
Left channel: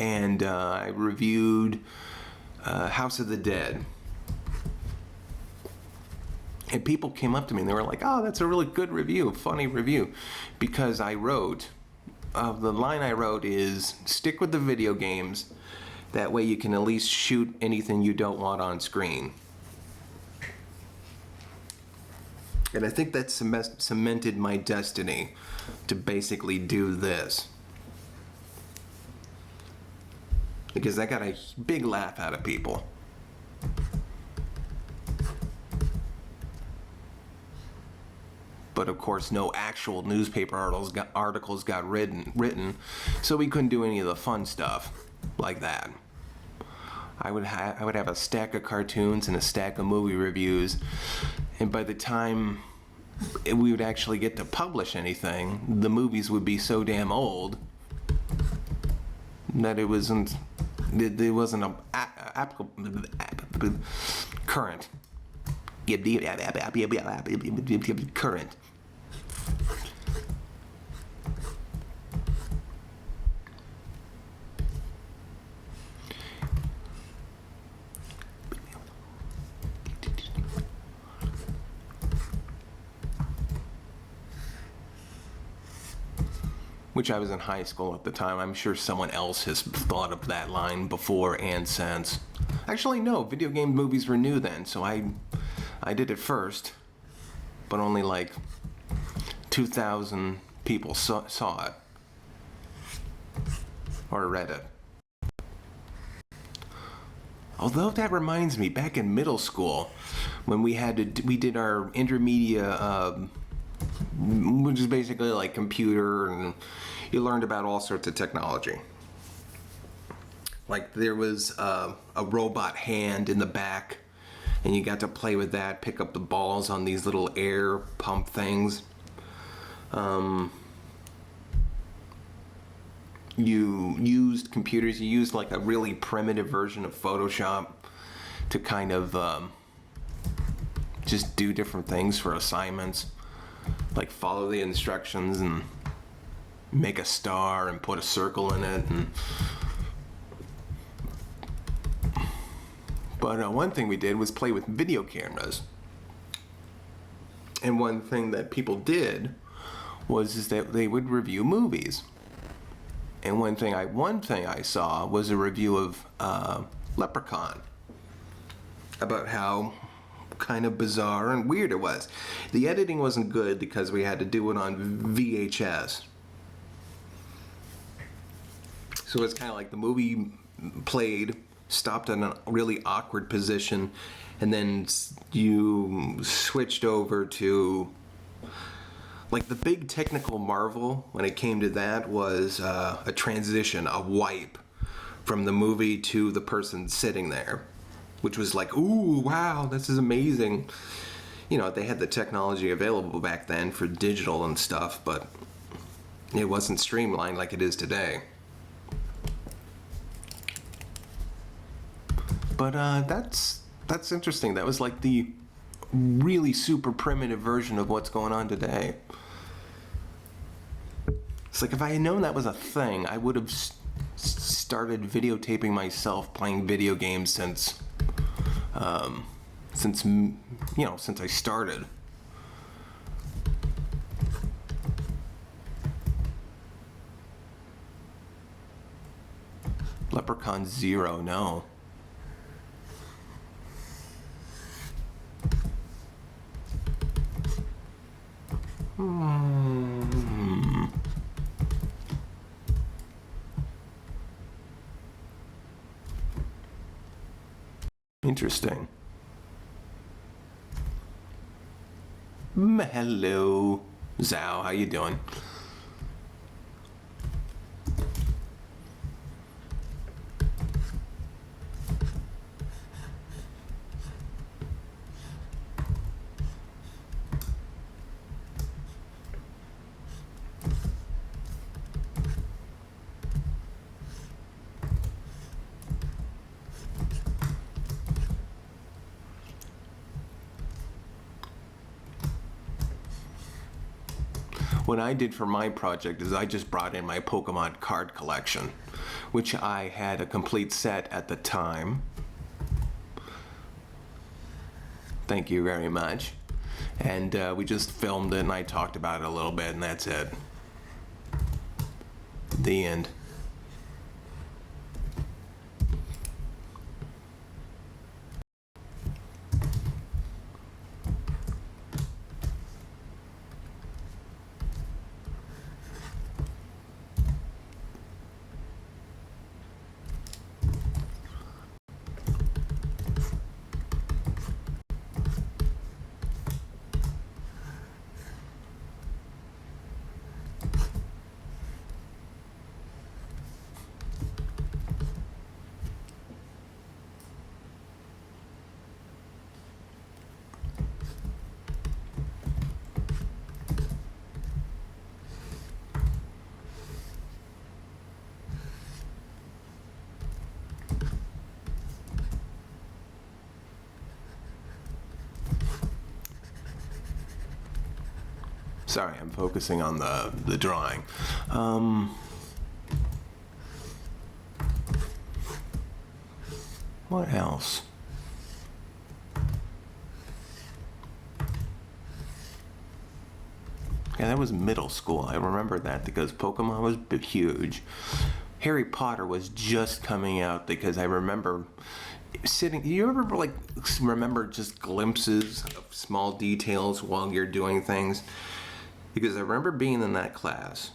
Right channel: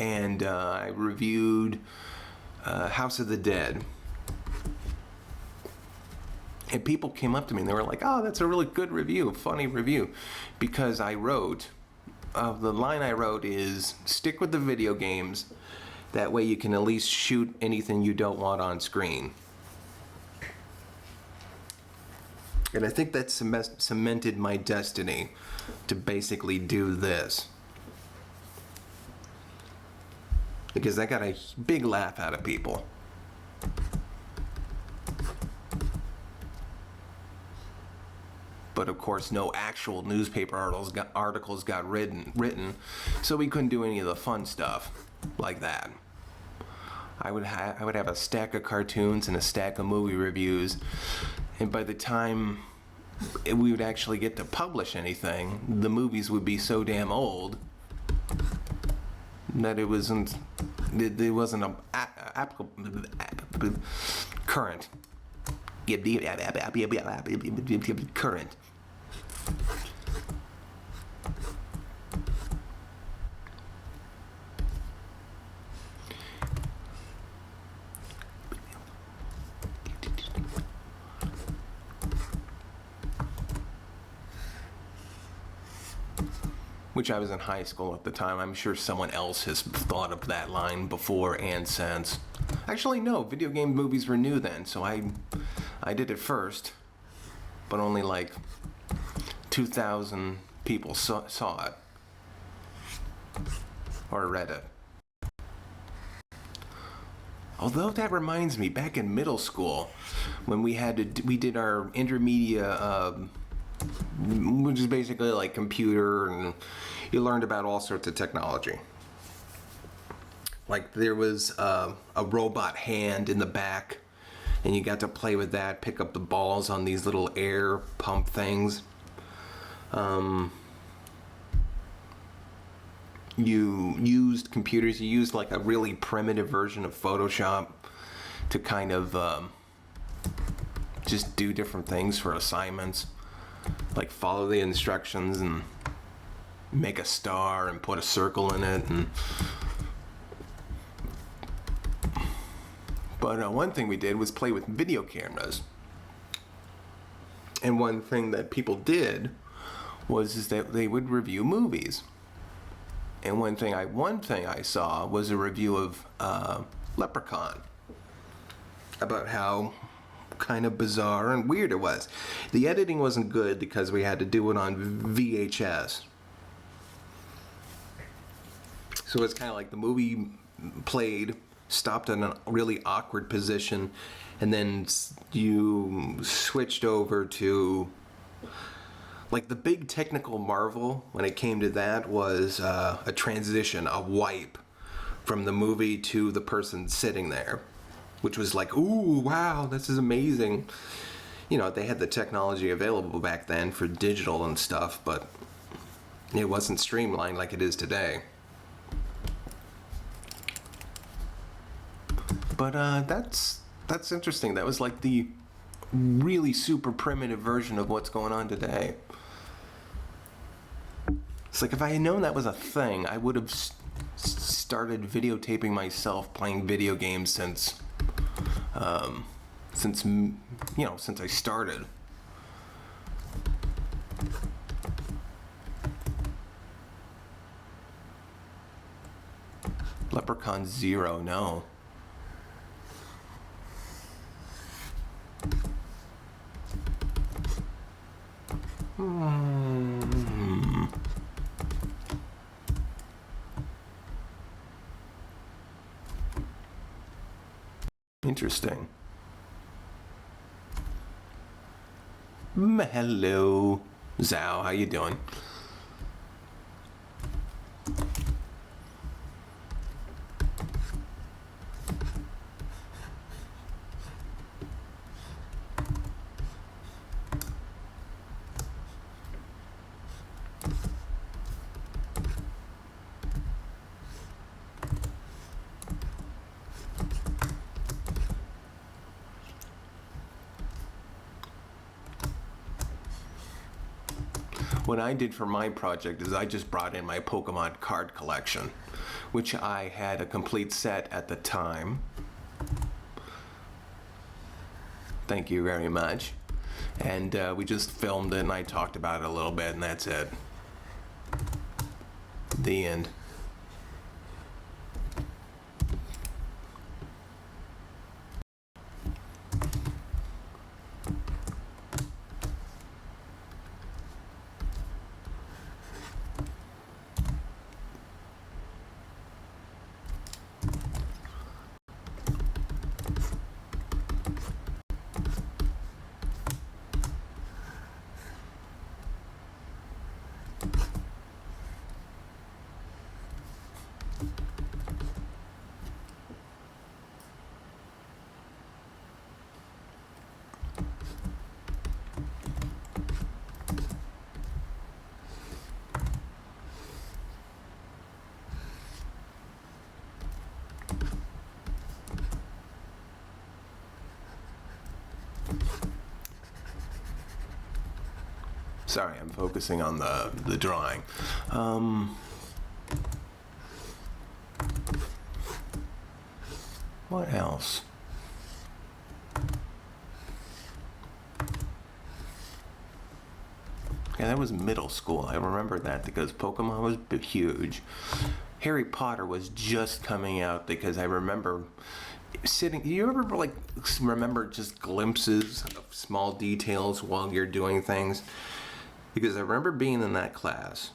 and I reviewed House of the Dead. And people came up to me and they were like, oh, that's a really good review, funny review. Because I wrote, the line I wrote is, stick with the video games. That way you can at least shoot anything you don't want on screen. And I think that cemented my destiny to basically do this. Because I got a big laugh out of people. But of course, no actual newspaper articles got written, so we couldn't do any of the fun stuff like that. I would have a stack of cartoons and a stack of movie reviews, and by the time we would actually get to publish anything, the movies would be so damn old that it wasn't applicable current. Current. Which I was in high school at the time. I'm sure someone else has thought of that line before and since. Actually, no, video game movies were new then, so I did it first, but only like 2,000 people saw it or read it. Although that reminds me, back in middle school, when we did our intermedia, which is basically like computer, and you learned about all sorts of technology. Like there was a robot hand in the back, and you got to play with that, pick up the balls on these little air pump things. You used computers, you used like a really primitive version of Photoshop to kind of just do different things for assignments. Like follow the instructions and make a star and put a circle in it. But one thing we did was play with video cameras. And one thing that people did was that they would review movies. And one thing I saw was a review of Leprechaun, about how kind of bizarre and weird it was. The editing wasn't good because we had to do it on VHS. So it's kind of like the movie played, stopped in a really awkward position, and then you switched over to, like, the big technical marvel when it came to that was a transition, a wipe from the movie to the person sitting there, which was like, ooh, wow, this is amazing. You know, they had the technology available back then for digital and stuff, but it wasn't streamlined like it is today. But that's interesting. That was like the really super primitive version of what's going on today. It's like if I had known that was a thing, I would have started videotaping myself playing video games since I started. Leprechaun Zero, no. Interesting. Hello, Zhao. How you doing? What I did for my project is I just brought in my Pokemon card collection, which I had a complete set at the time. Thank you very much. And we just filmed it and I talked about it a little bit and that's it. The end. Sorry, I'm focusing on the drawing. What else? Yeah, that was middle school. I remember that because Pokemon was huge. Harry Potter was just coming out because I remember sitting. You ever remember just glimpses of small details while you're doing things? Because I remember being in that class.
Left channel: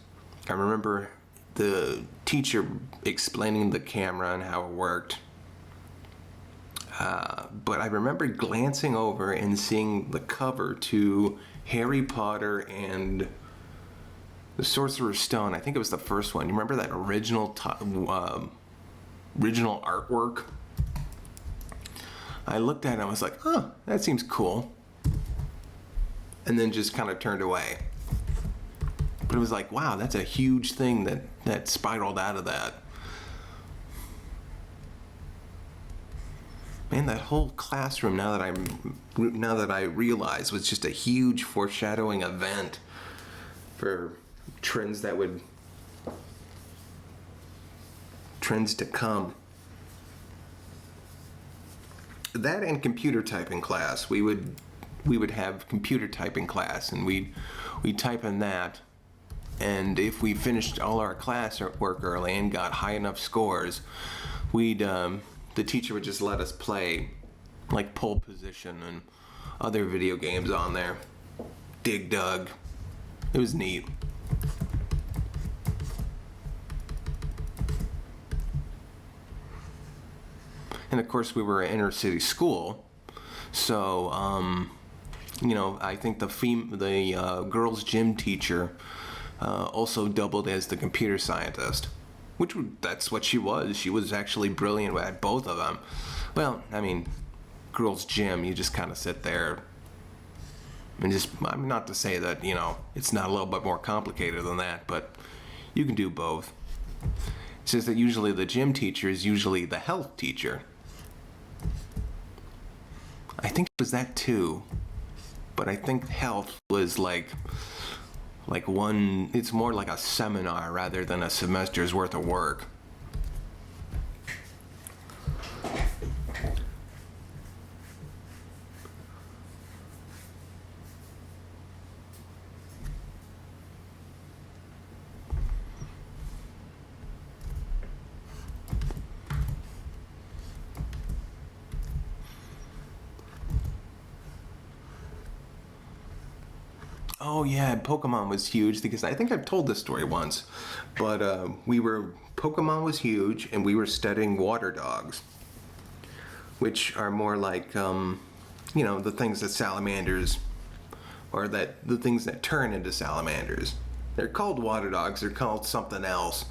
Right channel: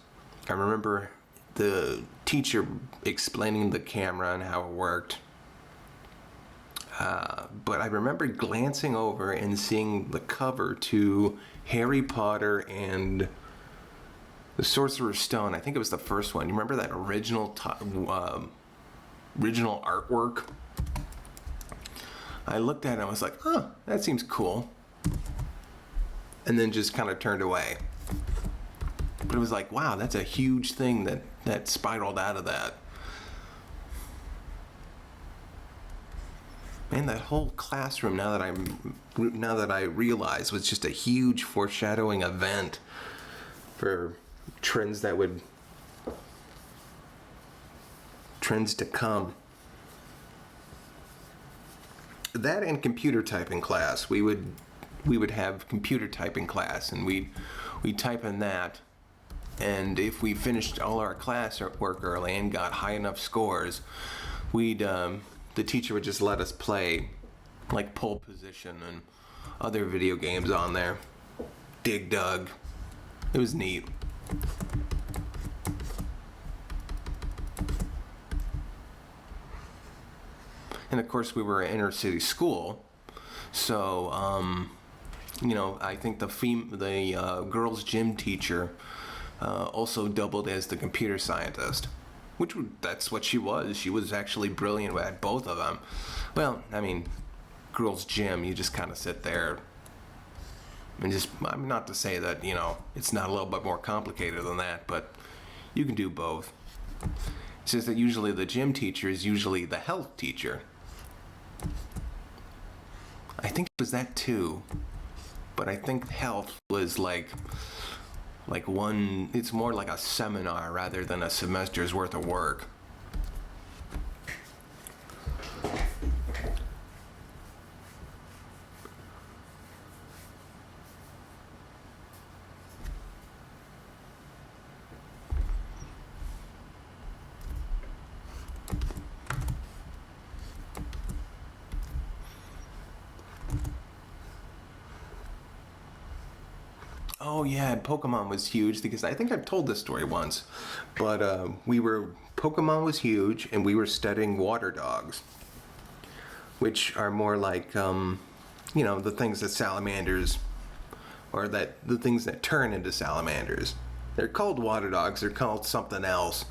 I remember the teacher explaining the camera and how it worked. But I remember glancing over and seeing the cover to Harry Potter and the Sorcerer's Stone. I think it was the first one. You remember that original artwork? I looked at it and I was like, huh, that seems cool. And then just kind of turned away. But it was like, wow, that's a huge thing that spiraled out of that. Man, that whole classroom, now that I realize, was just a huge foreshadowing event for trends to come. That and computer typing class. We would have computer typing class, and we'd type in that. And if we finished all our class work early and got high enough scores, the teacher would just let us play like Pole Position and other video games on there. Dig Dug. It was neat. And of course we were an inner city school, so I think the girls' gym teacher also doubled as the computer scientist. That's what she was. She was actually brilliant at both of them. Well, I mean, girls' gym, you just kind of sit there and I'm not to say that, it's not a little bit more complicated than that, but you can do both. It's just that usually the gym teacher is usually the health teacher. I think it was that too, but I think health was like it's more like a seminar rather than a semester's worth of work. Oh yeah, Pokemon was huge because I think I've told this story once, but Pokemon was huge and we were studying water dogs, which are more like the things that salamanders, or the things that turn into salamanders. They're called water dogs. They're called something else,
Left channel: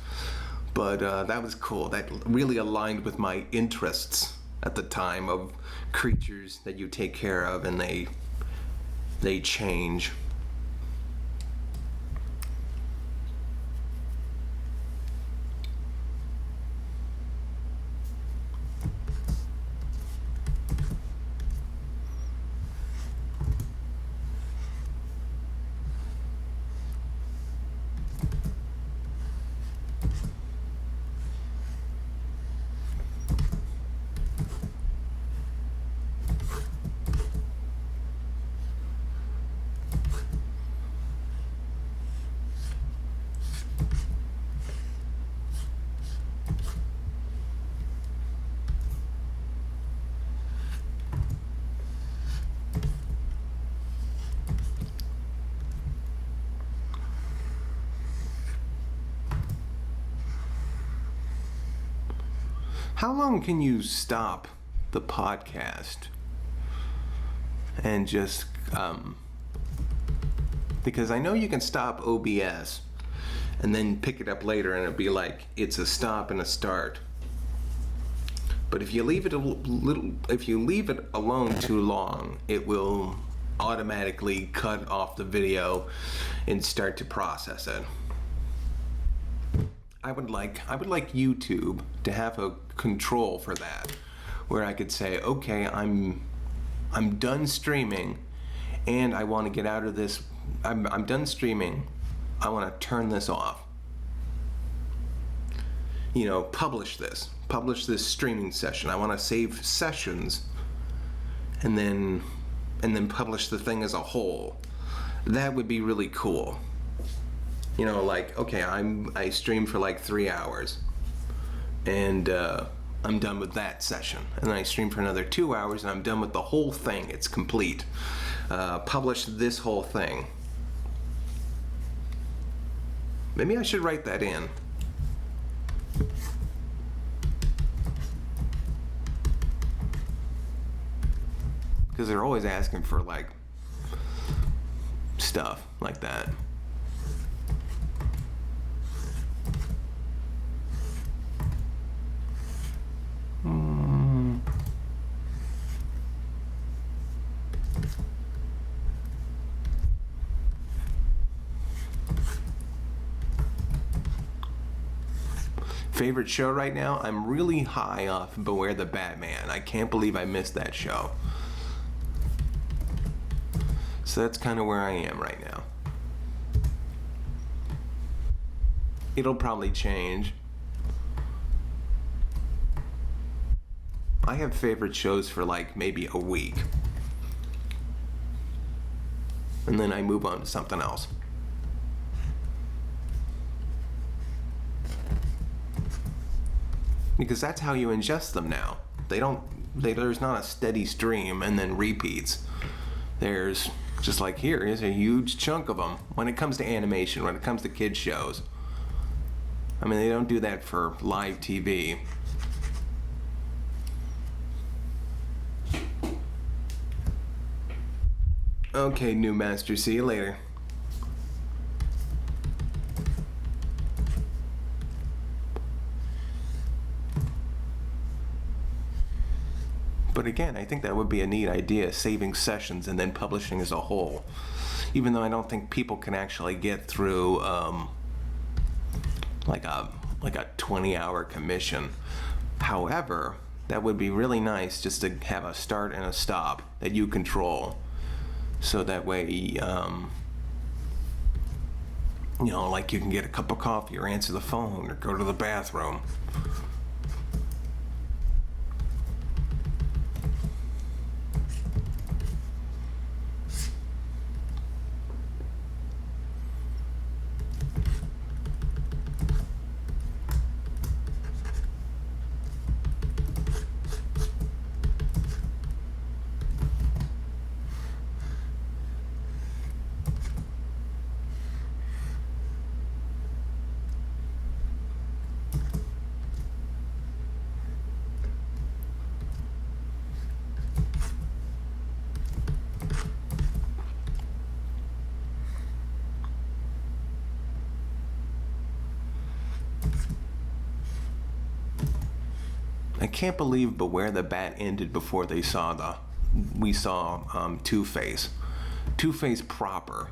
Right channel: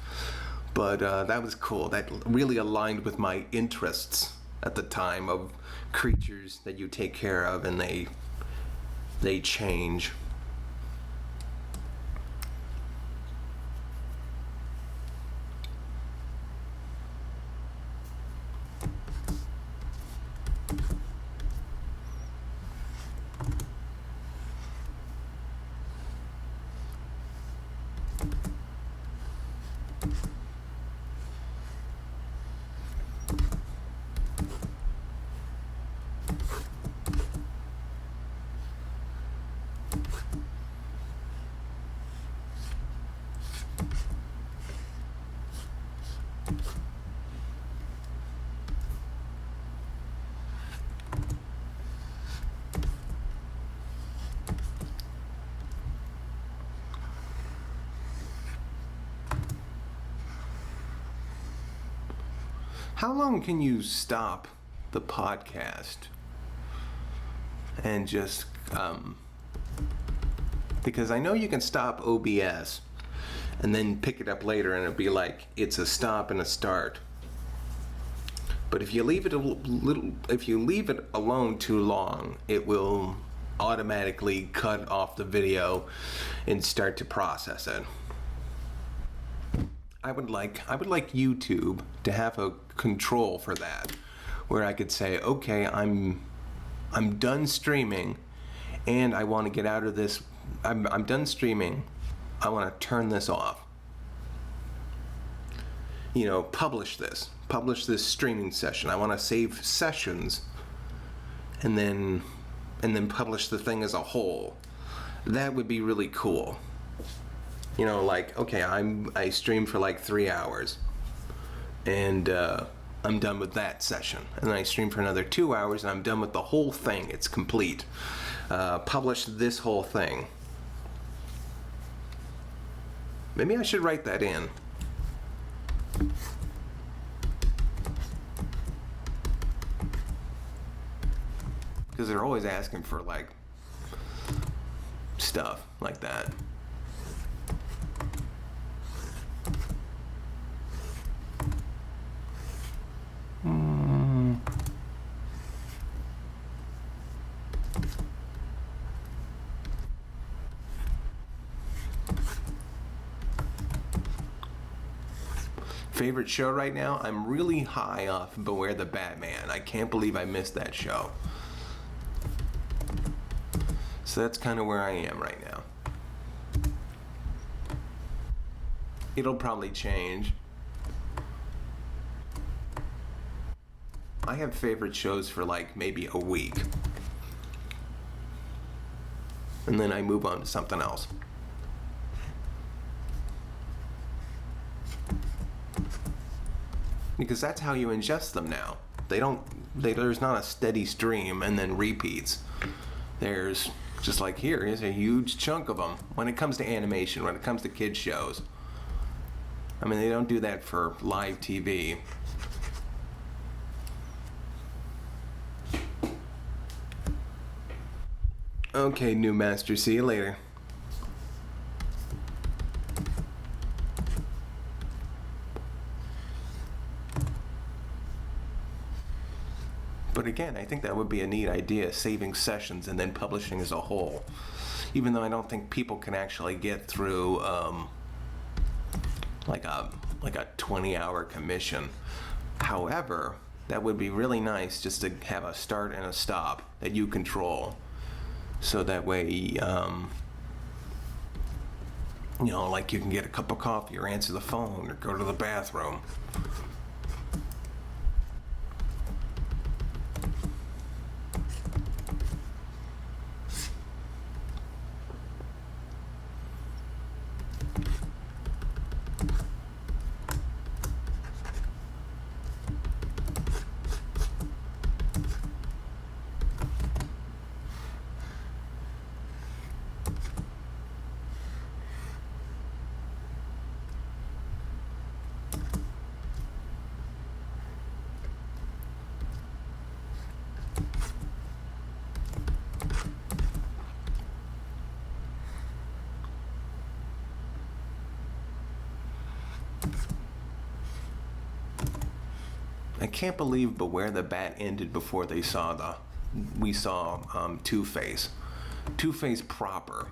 but that was cool. That really aligned with my interests at the time of creatures that you take care of and they change. How long can you stop the podcast and just, because I know you can stop OBS and then pick it up later and it'll be like it's a stop and a start. But if you leave it alone too long, it will automatically cut off the video and start to process it. I would like YouTube to have a control for that, where I could say, okay, I'm done streaming, and I want to get out of this I'm done streaming. I want to turn this off. Publish this streaming session. I want to save sessions and then publish the thing as a whole. That would be really cool. Okay, I streamed for like 3 hours and I'm done with that session. And then I stream for another 2 hours and I'm done with the whole thing. It's complete. Publish this whole thing. Maybe I should write that in. Because they're always asking for stuff like that. Favorite show right now? I'm really high off Beware the Batman. I can't believe I missed that show. So that's kind of where I am right now. It'll probably change. I have favorite shows for maybe a week. And then I move on to something else. Because that's how you ingest them now. There's not a steady stream and then repeats. There's just here's a huge chunk of them. When it comes to animation, when it comes to kids shows. I mean, they don't do that for live TV. Okay, new master, see you later. But again, I think that would be a neat idea, saving sessions and then publishing as a whole. Even though I don't think people can actually get through like a 20-hour commission. However, that would be really nice just to have a start and a stop that you control. So that way, you can get a cup of coffee or answer the phone or go to the bathroom. I can't believe Beware the Bat ended before we saw Two-Face. Two-Face proper.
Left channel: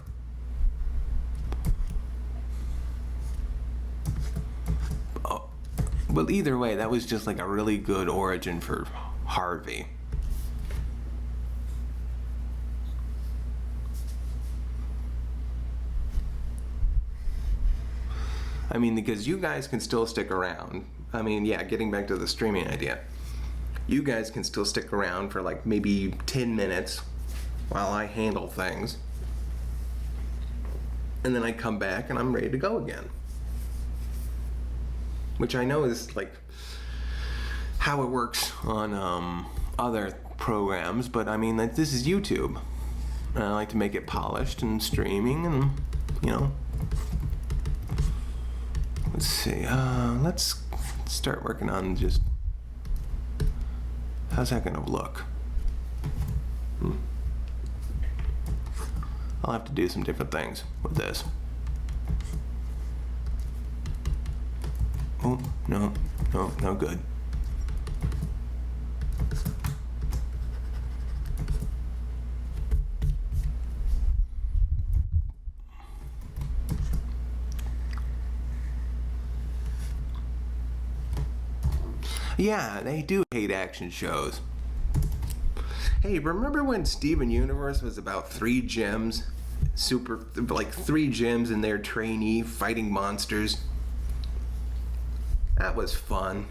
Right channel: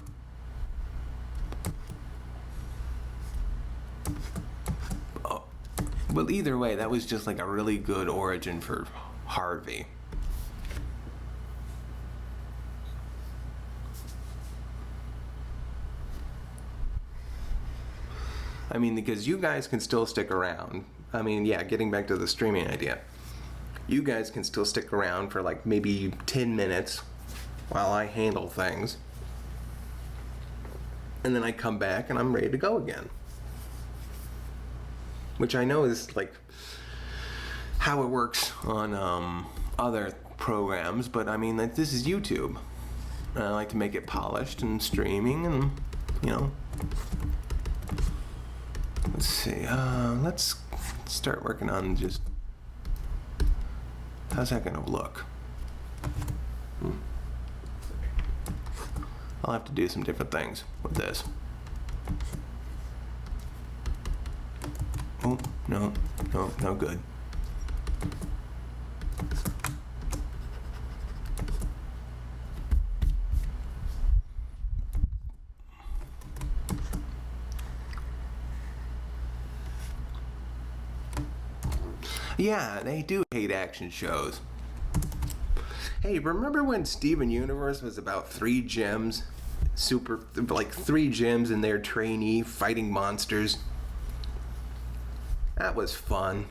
Oh, well, either way, that was just a really good origin for Harvey. I mean, because you guys can still stick around. I mean, yeah, getting back to the streaming idea. You guys can still stick around for maybe 10 minutes while I handle things. And then I come back and I'm ready to go again. Which I know is how it works on other programs, but I mean, this is YouTube. And I like to make it polished and streaming and, Let's see, let's start working on just, how's that gonna look? I'll have to do some different things with this. Oh, no good. Yeah, they do hate action shows. Hey, remember when Steven Universe was about 3 gems? super, like 3 gyms in their trainee fighting monsters. That was fun.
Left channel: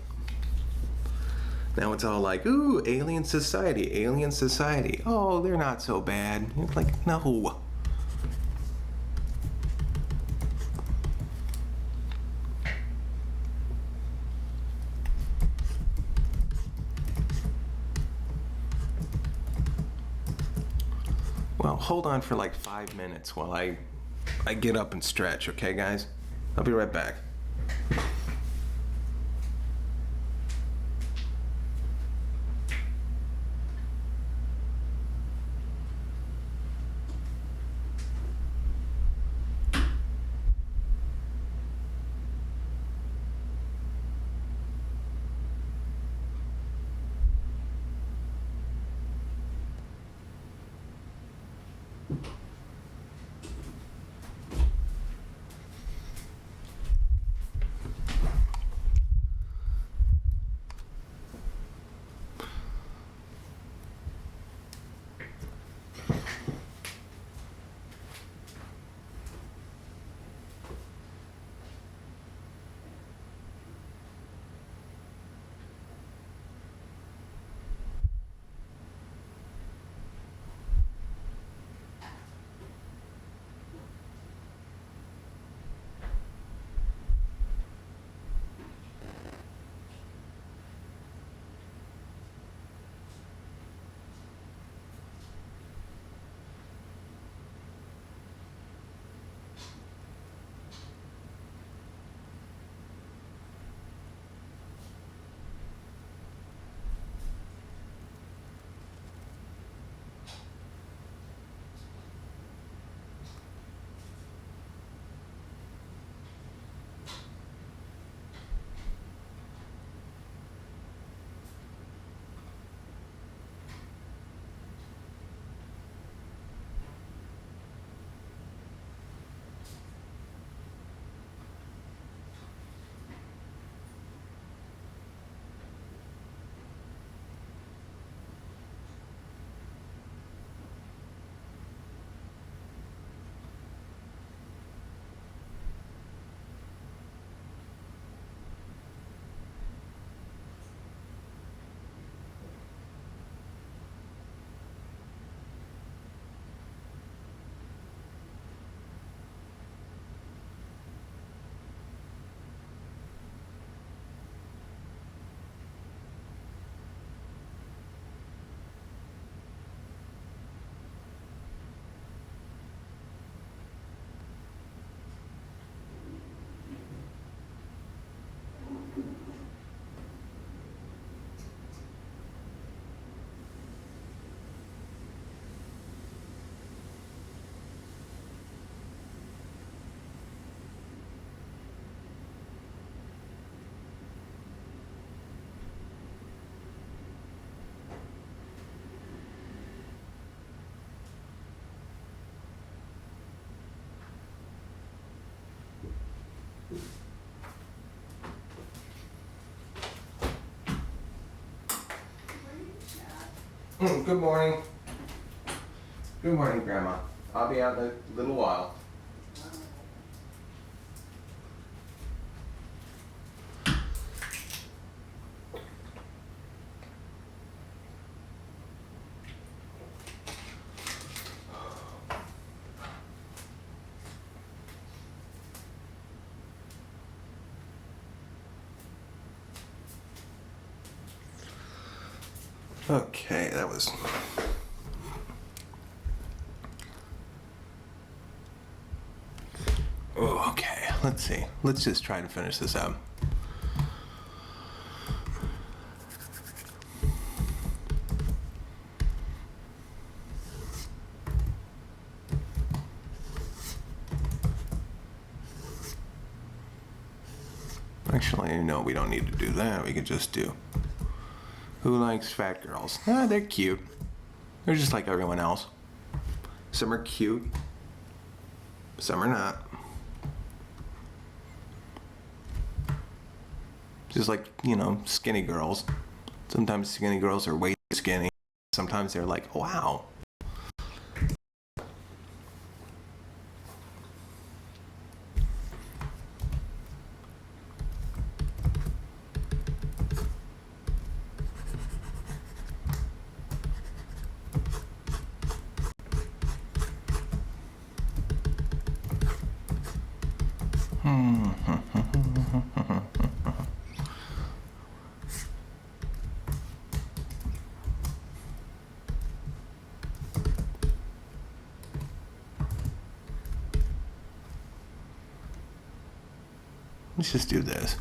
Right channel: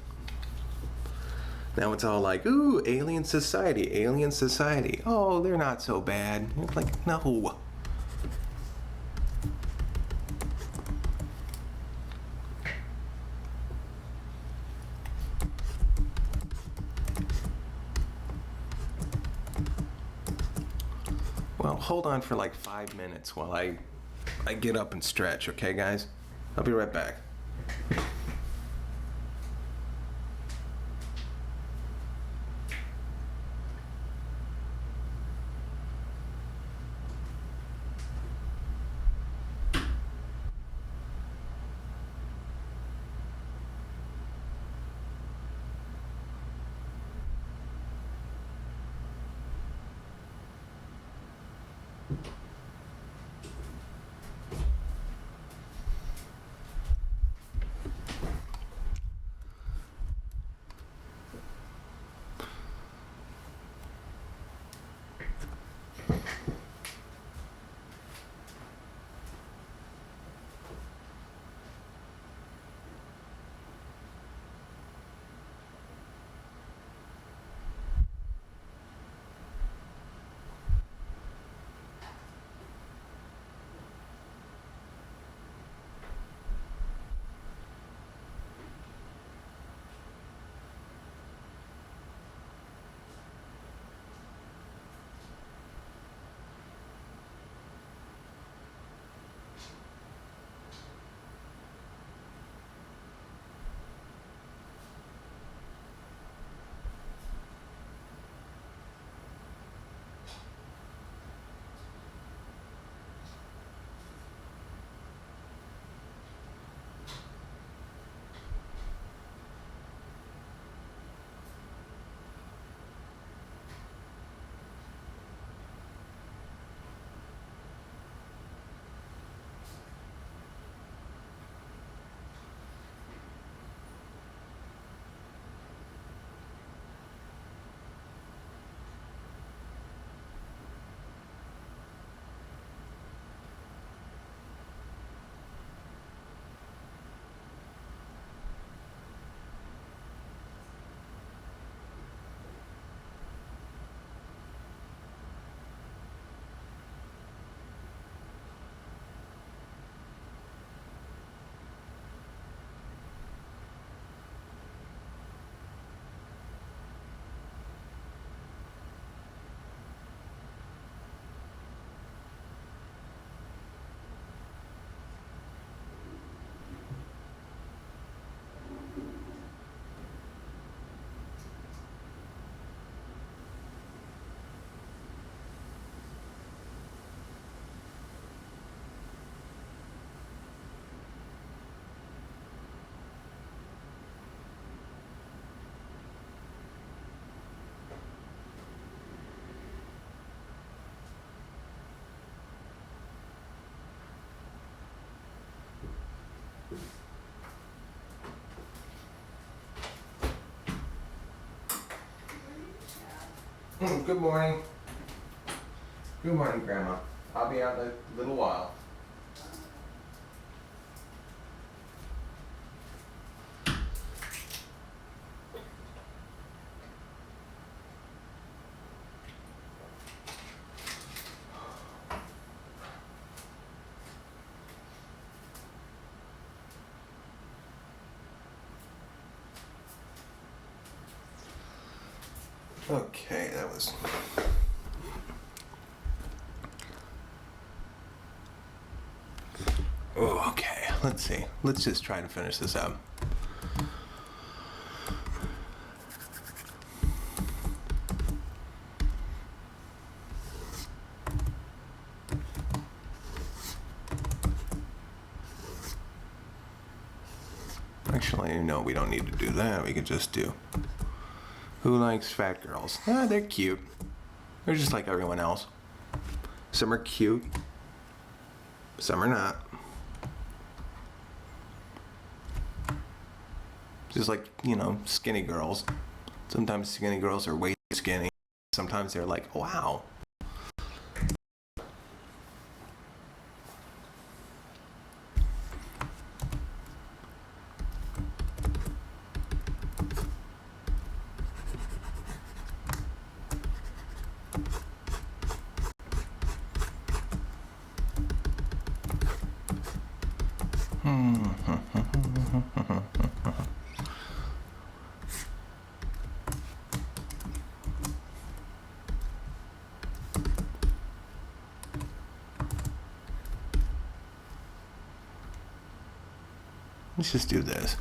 Now it's all like, ooh, alien society, alien society. Oh, they're not so bad. It's like, no. Well, hold on for like 5 minutes while I get up and stretch, okay, guys? I'll be right back. Good morning. Good morning, Grandma. I'll be out in a little while. Okay, that was... Oh, okay. Let's see. Let's just try to finish this up. Actually, no, we don't need to do that. We could just do... Who likes fat girls? Ah, they're cute. They're just like everyone else. Some are cute. Some are not. Just like, you know, skinny girls. Sometimes skinny girls are way too skinny. Sometimes they're like, wow. Let's just do this.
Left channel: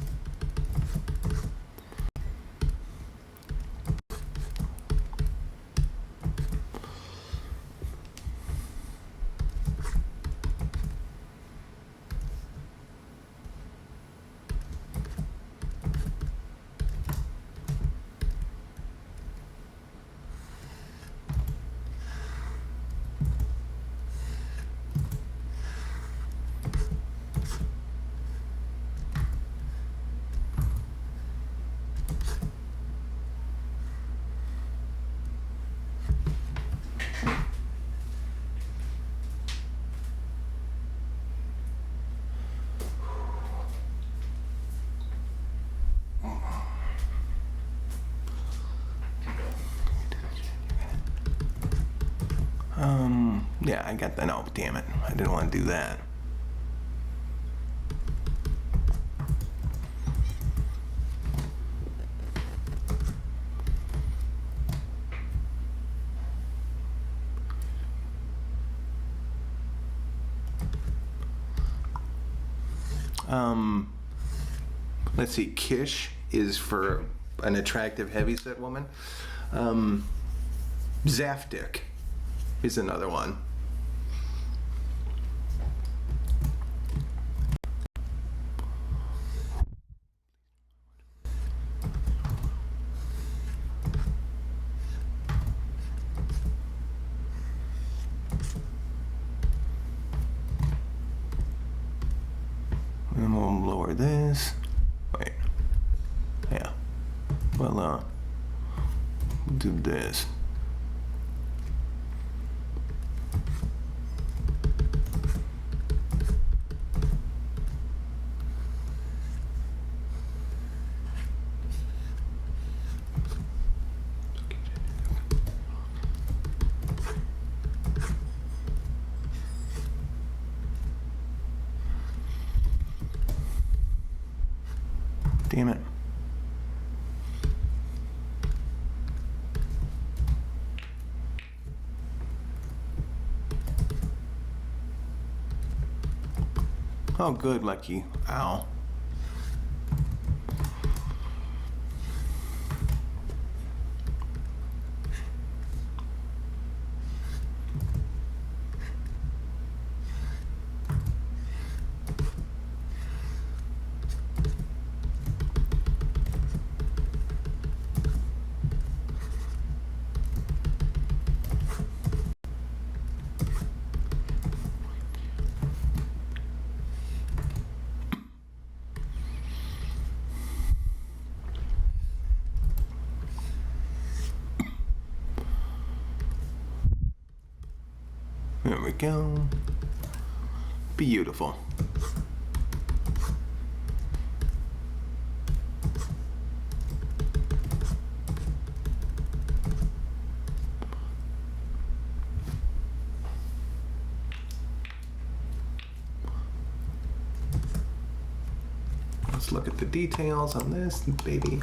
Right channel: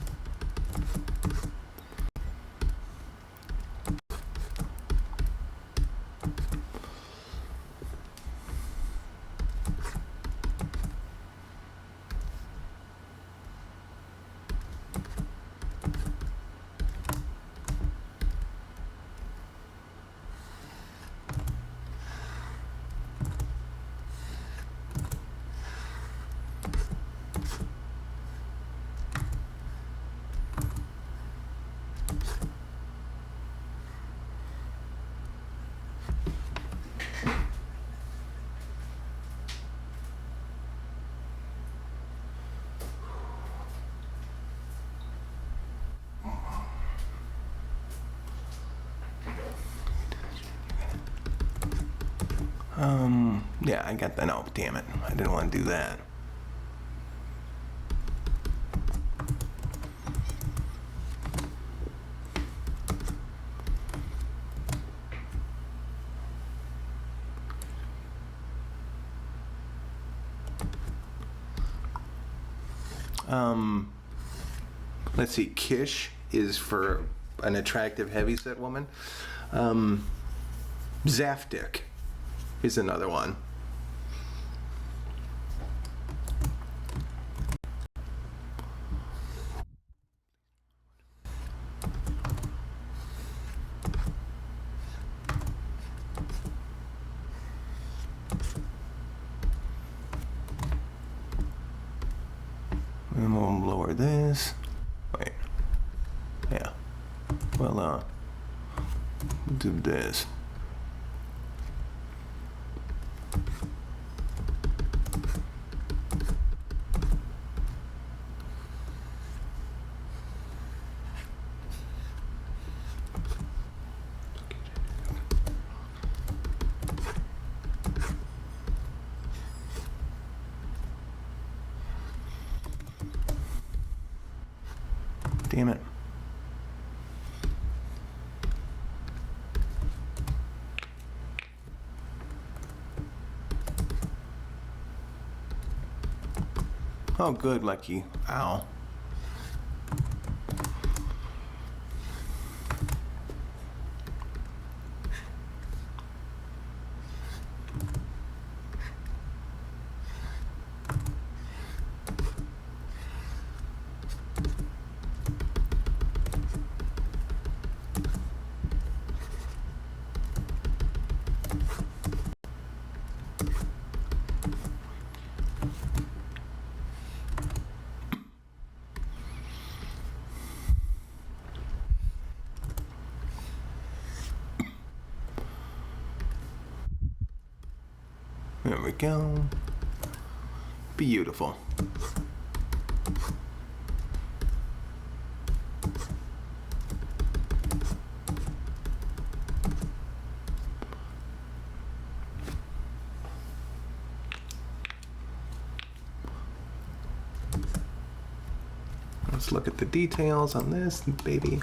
Yeah, I got that. Oh, damn it. I didn't want to do that. Let's see. Kish is for an attractive heavyset woman. Zafdik is another one. And we'll lower this. Wait. Yeah. Well, do this. Damn it. Oh, good, Lucky. Ow. There we go. Beautiful. Let's look at the details on this baby.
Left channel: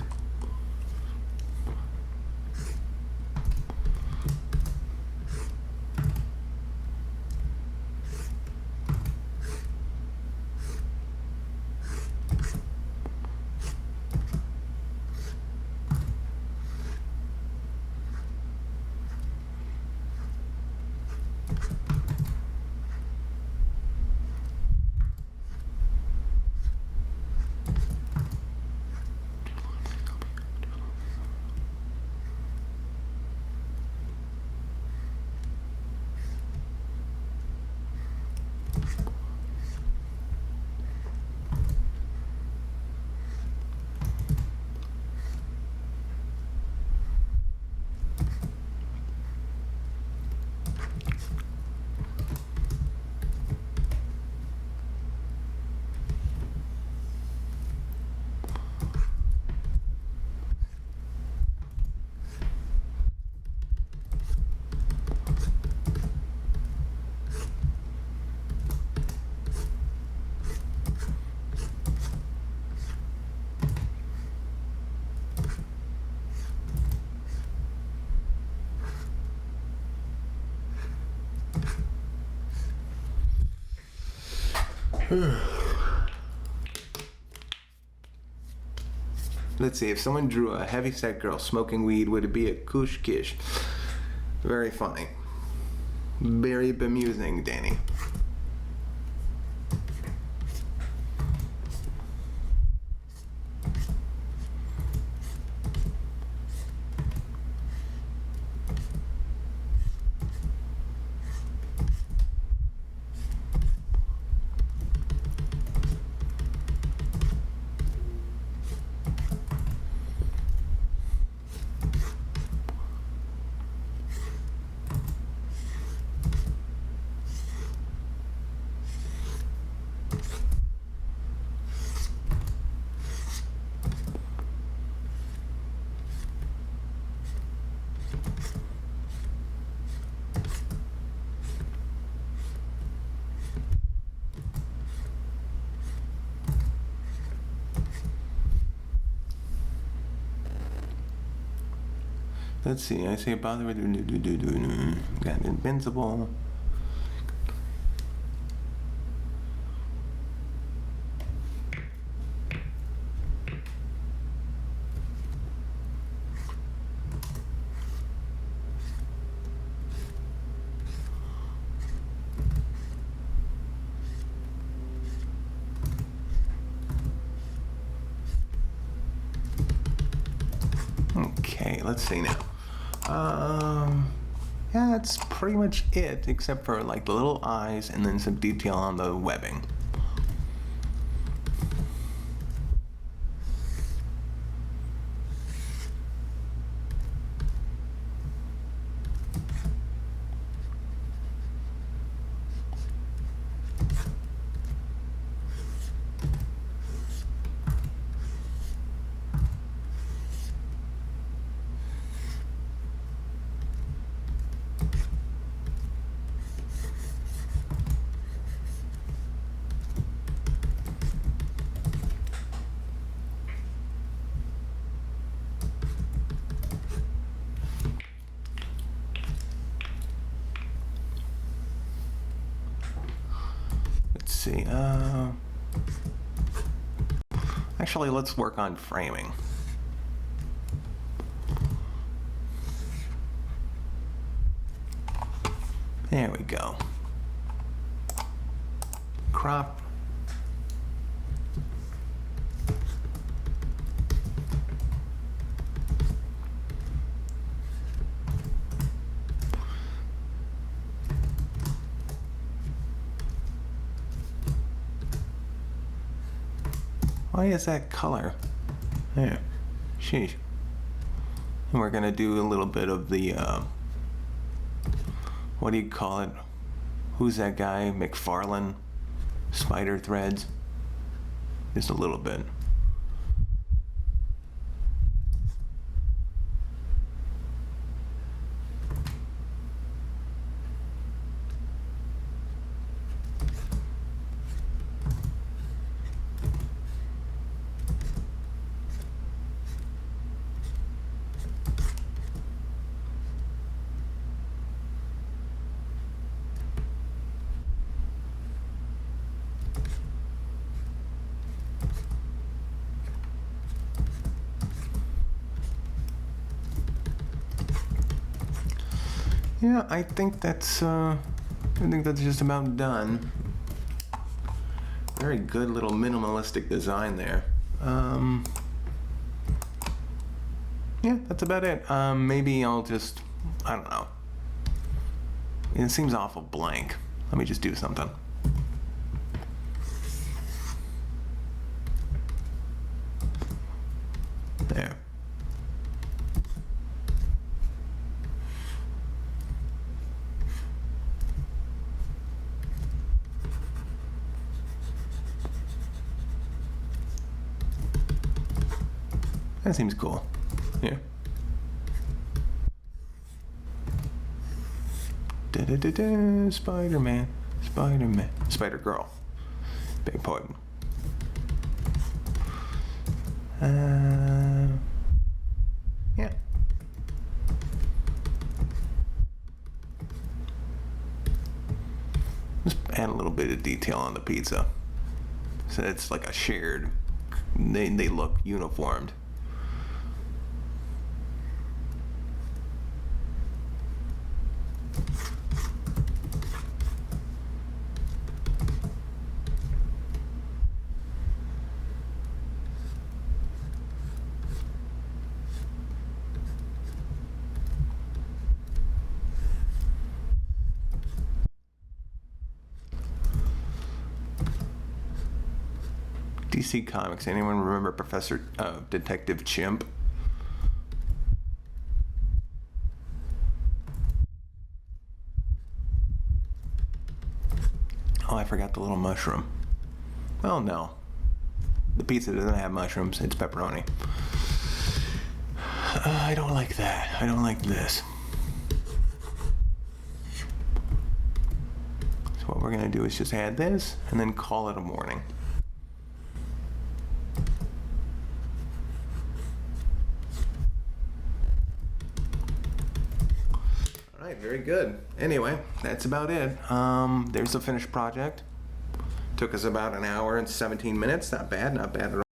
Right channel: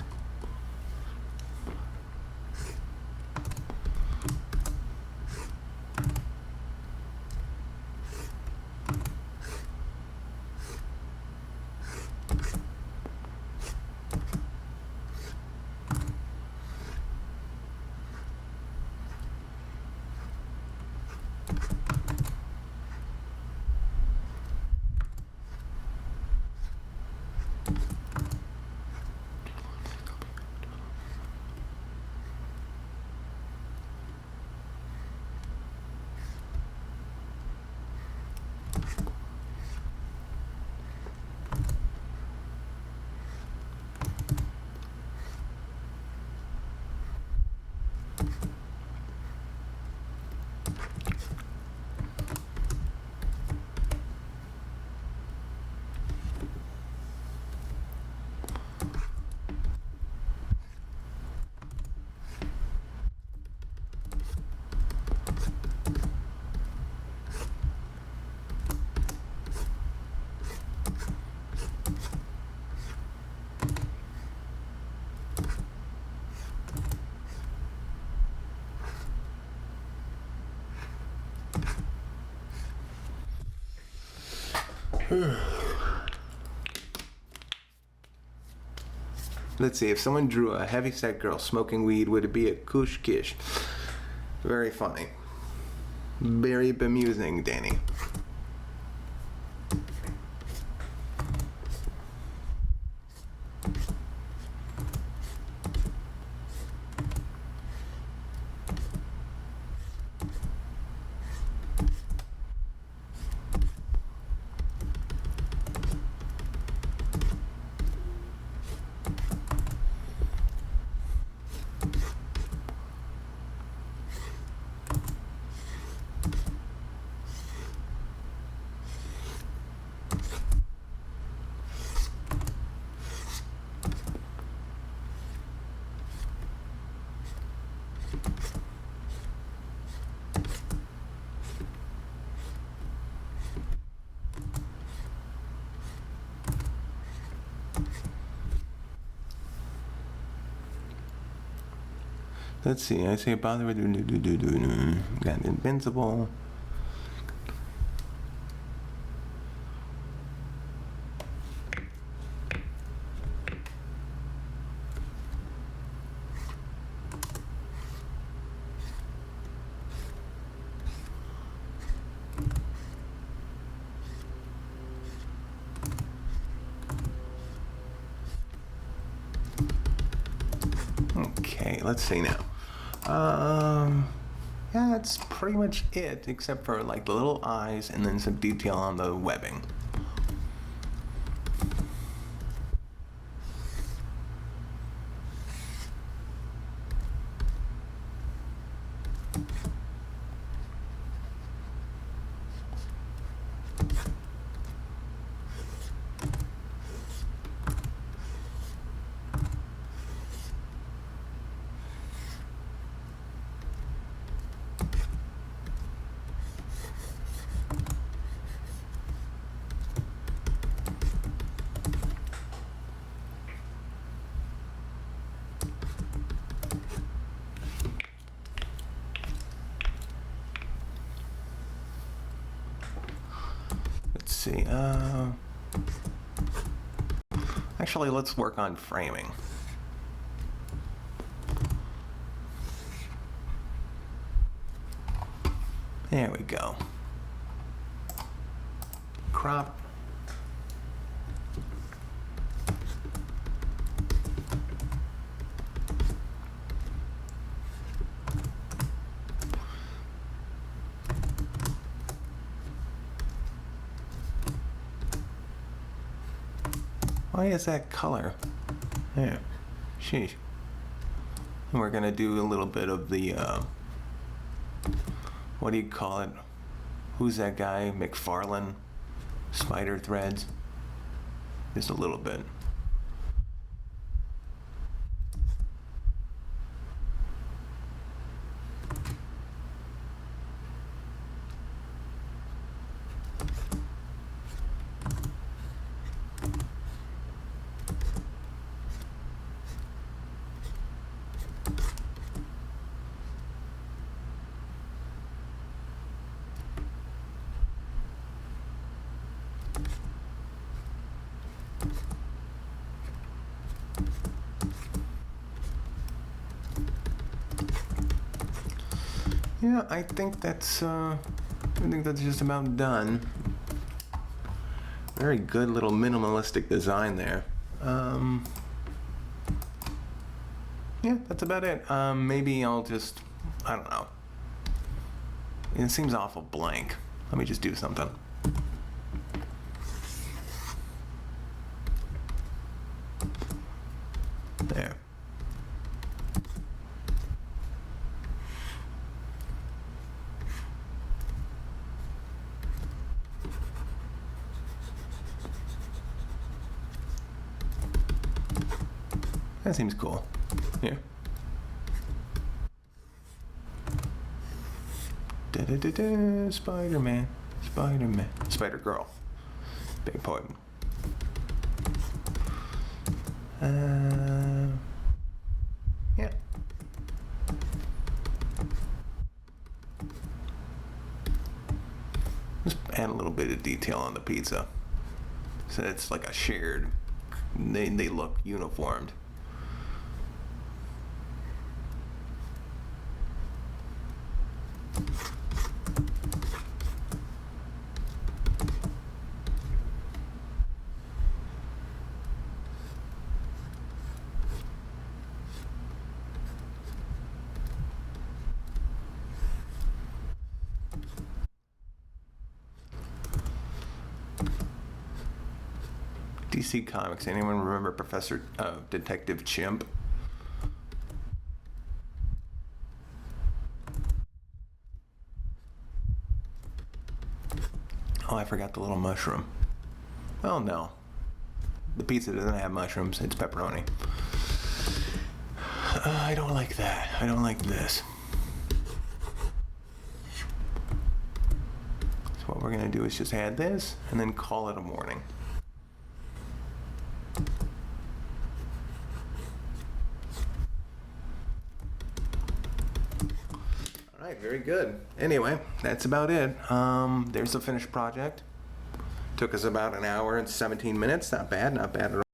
Let's see, if someone drew a heavyset girl smoking weed, would it be a kush kish? Very funny. Very bemusing, Danny. Let's see, I say bother with got invincible. Okay, let's see now. Yeah, that's pretty much it, except for like the little eyes and then some detail on the webbing. Let's see, actually, let's work on framing. There we go. Crop. Why is that color? There. Sheesh. And we're gonna do a little bit of the, what do you call it? Who's that guy? McFarlane? Spider threads? Just a little bit. Yeah, I think that's just about done. Very good little minimalistic design there. Yeah, that's about it. Maybe I'll just, I don't know. It seems awful blank. Let me just do something. There. That seems cool. Here. Da-da-da-da, Spider-Man, Spider-Man, Spider-Girl. Beg pardon. Yeah. Just add a little bit of detail on the pizza. So it's like a shared. They look uniformed. DC Comics. Anyone remember Professor Detective Chimp? Oh, I forgot the little mushroom. Well, no. The pizza doesn't have mushrooms. It's pepperoni. I don't like that. I don't like this. So what we're going to do is just add this and then call it a morning. All right, very good. Anyway, that's about it. There's the finished project. Took us about an hour and 17 minutes. Not bad, not bad at all.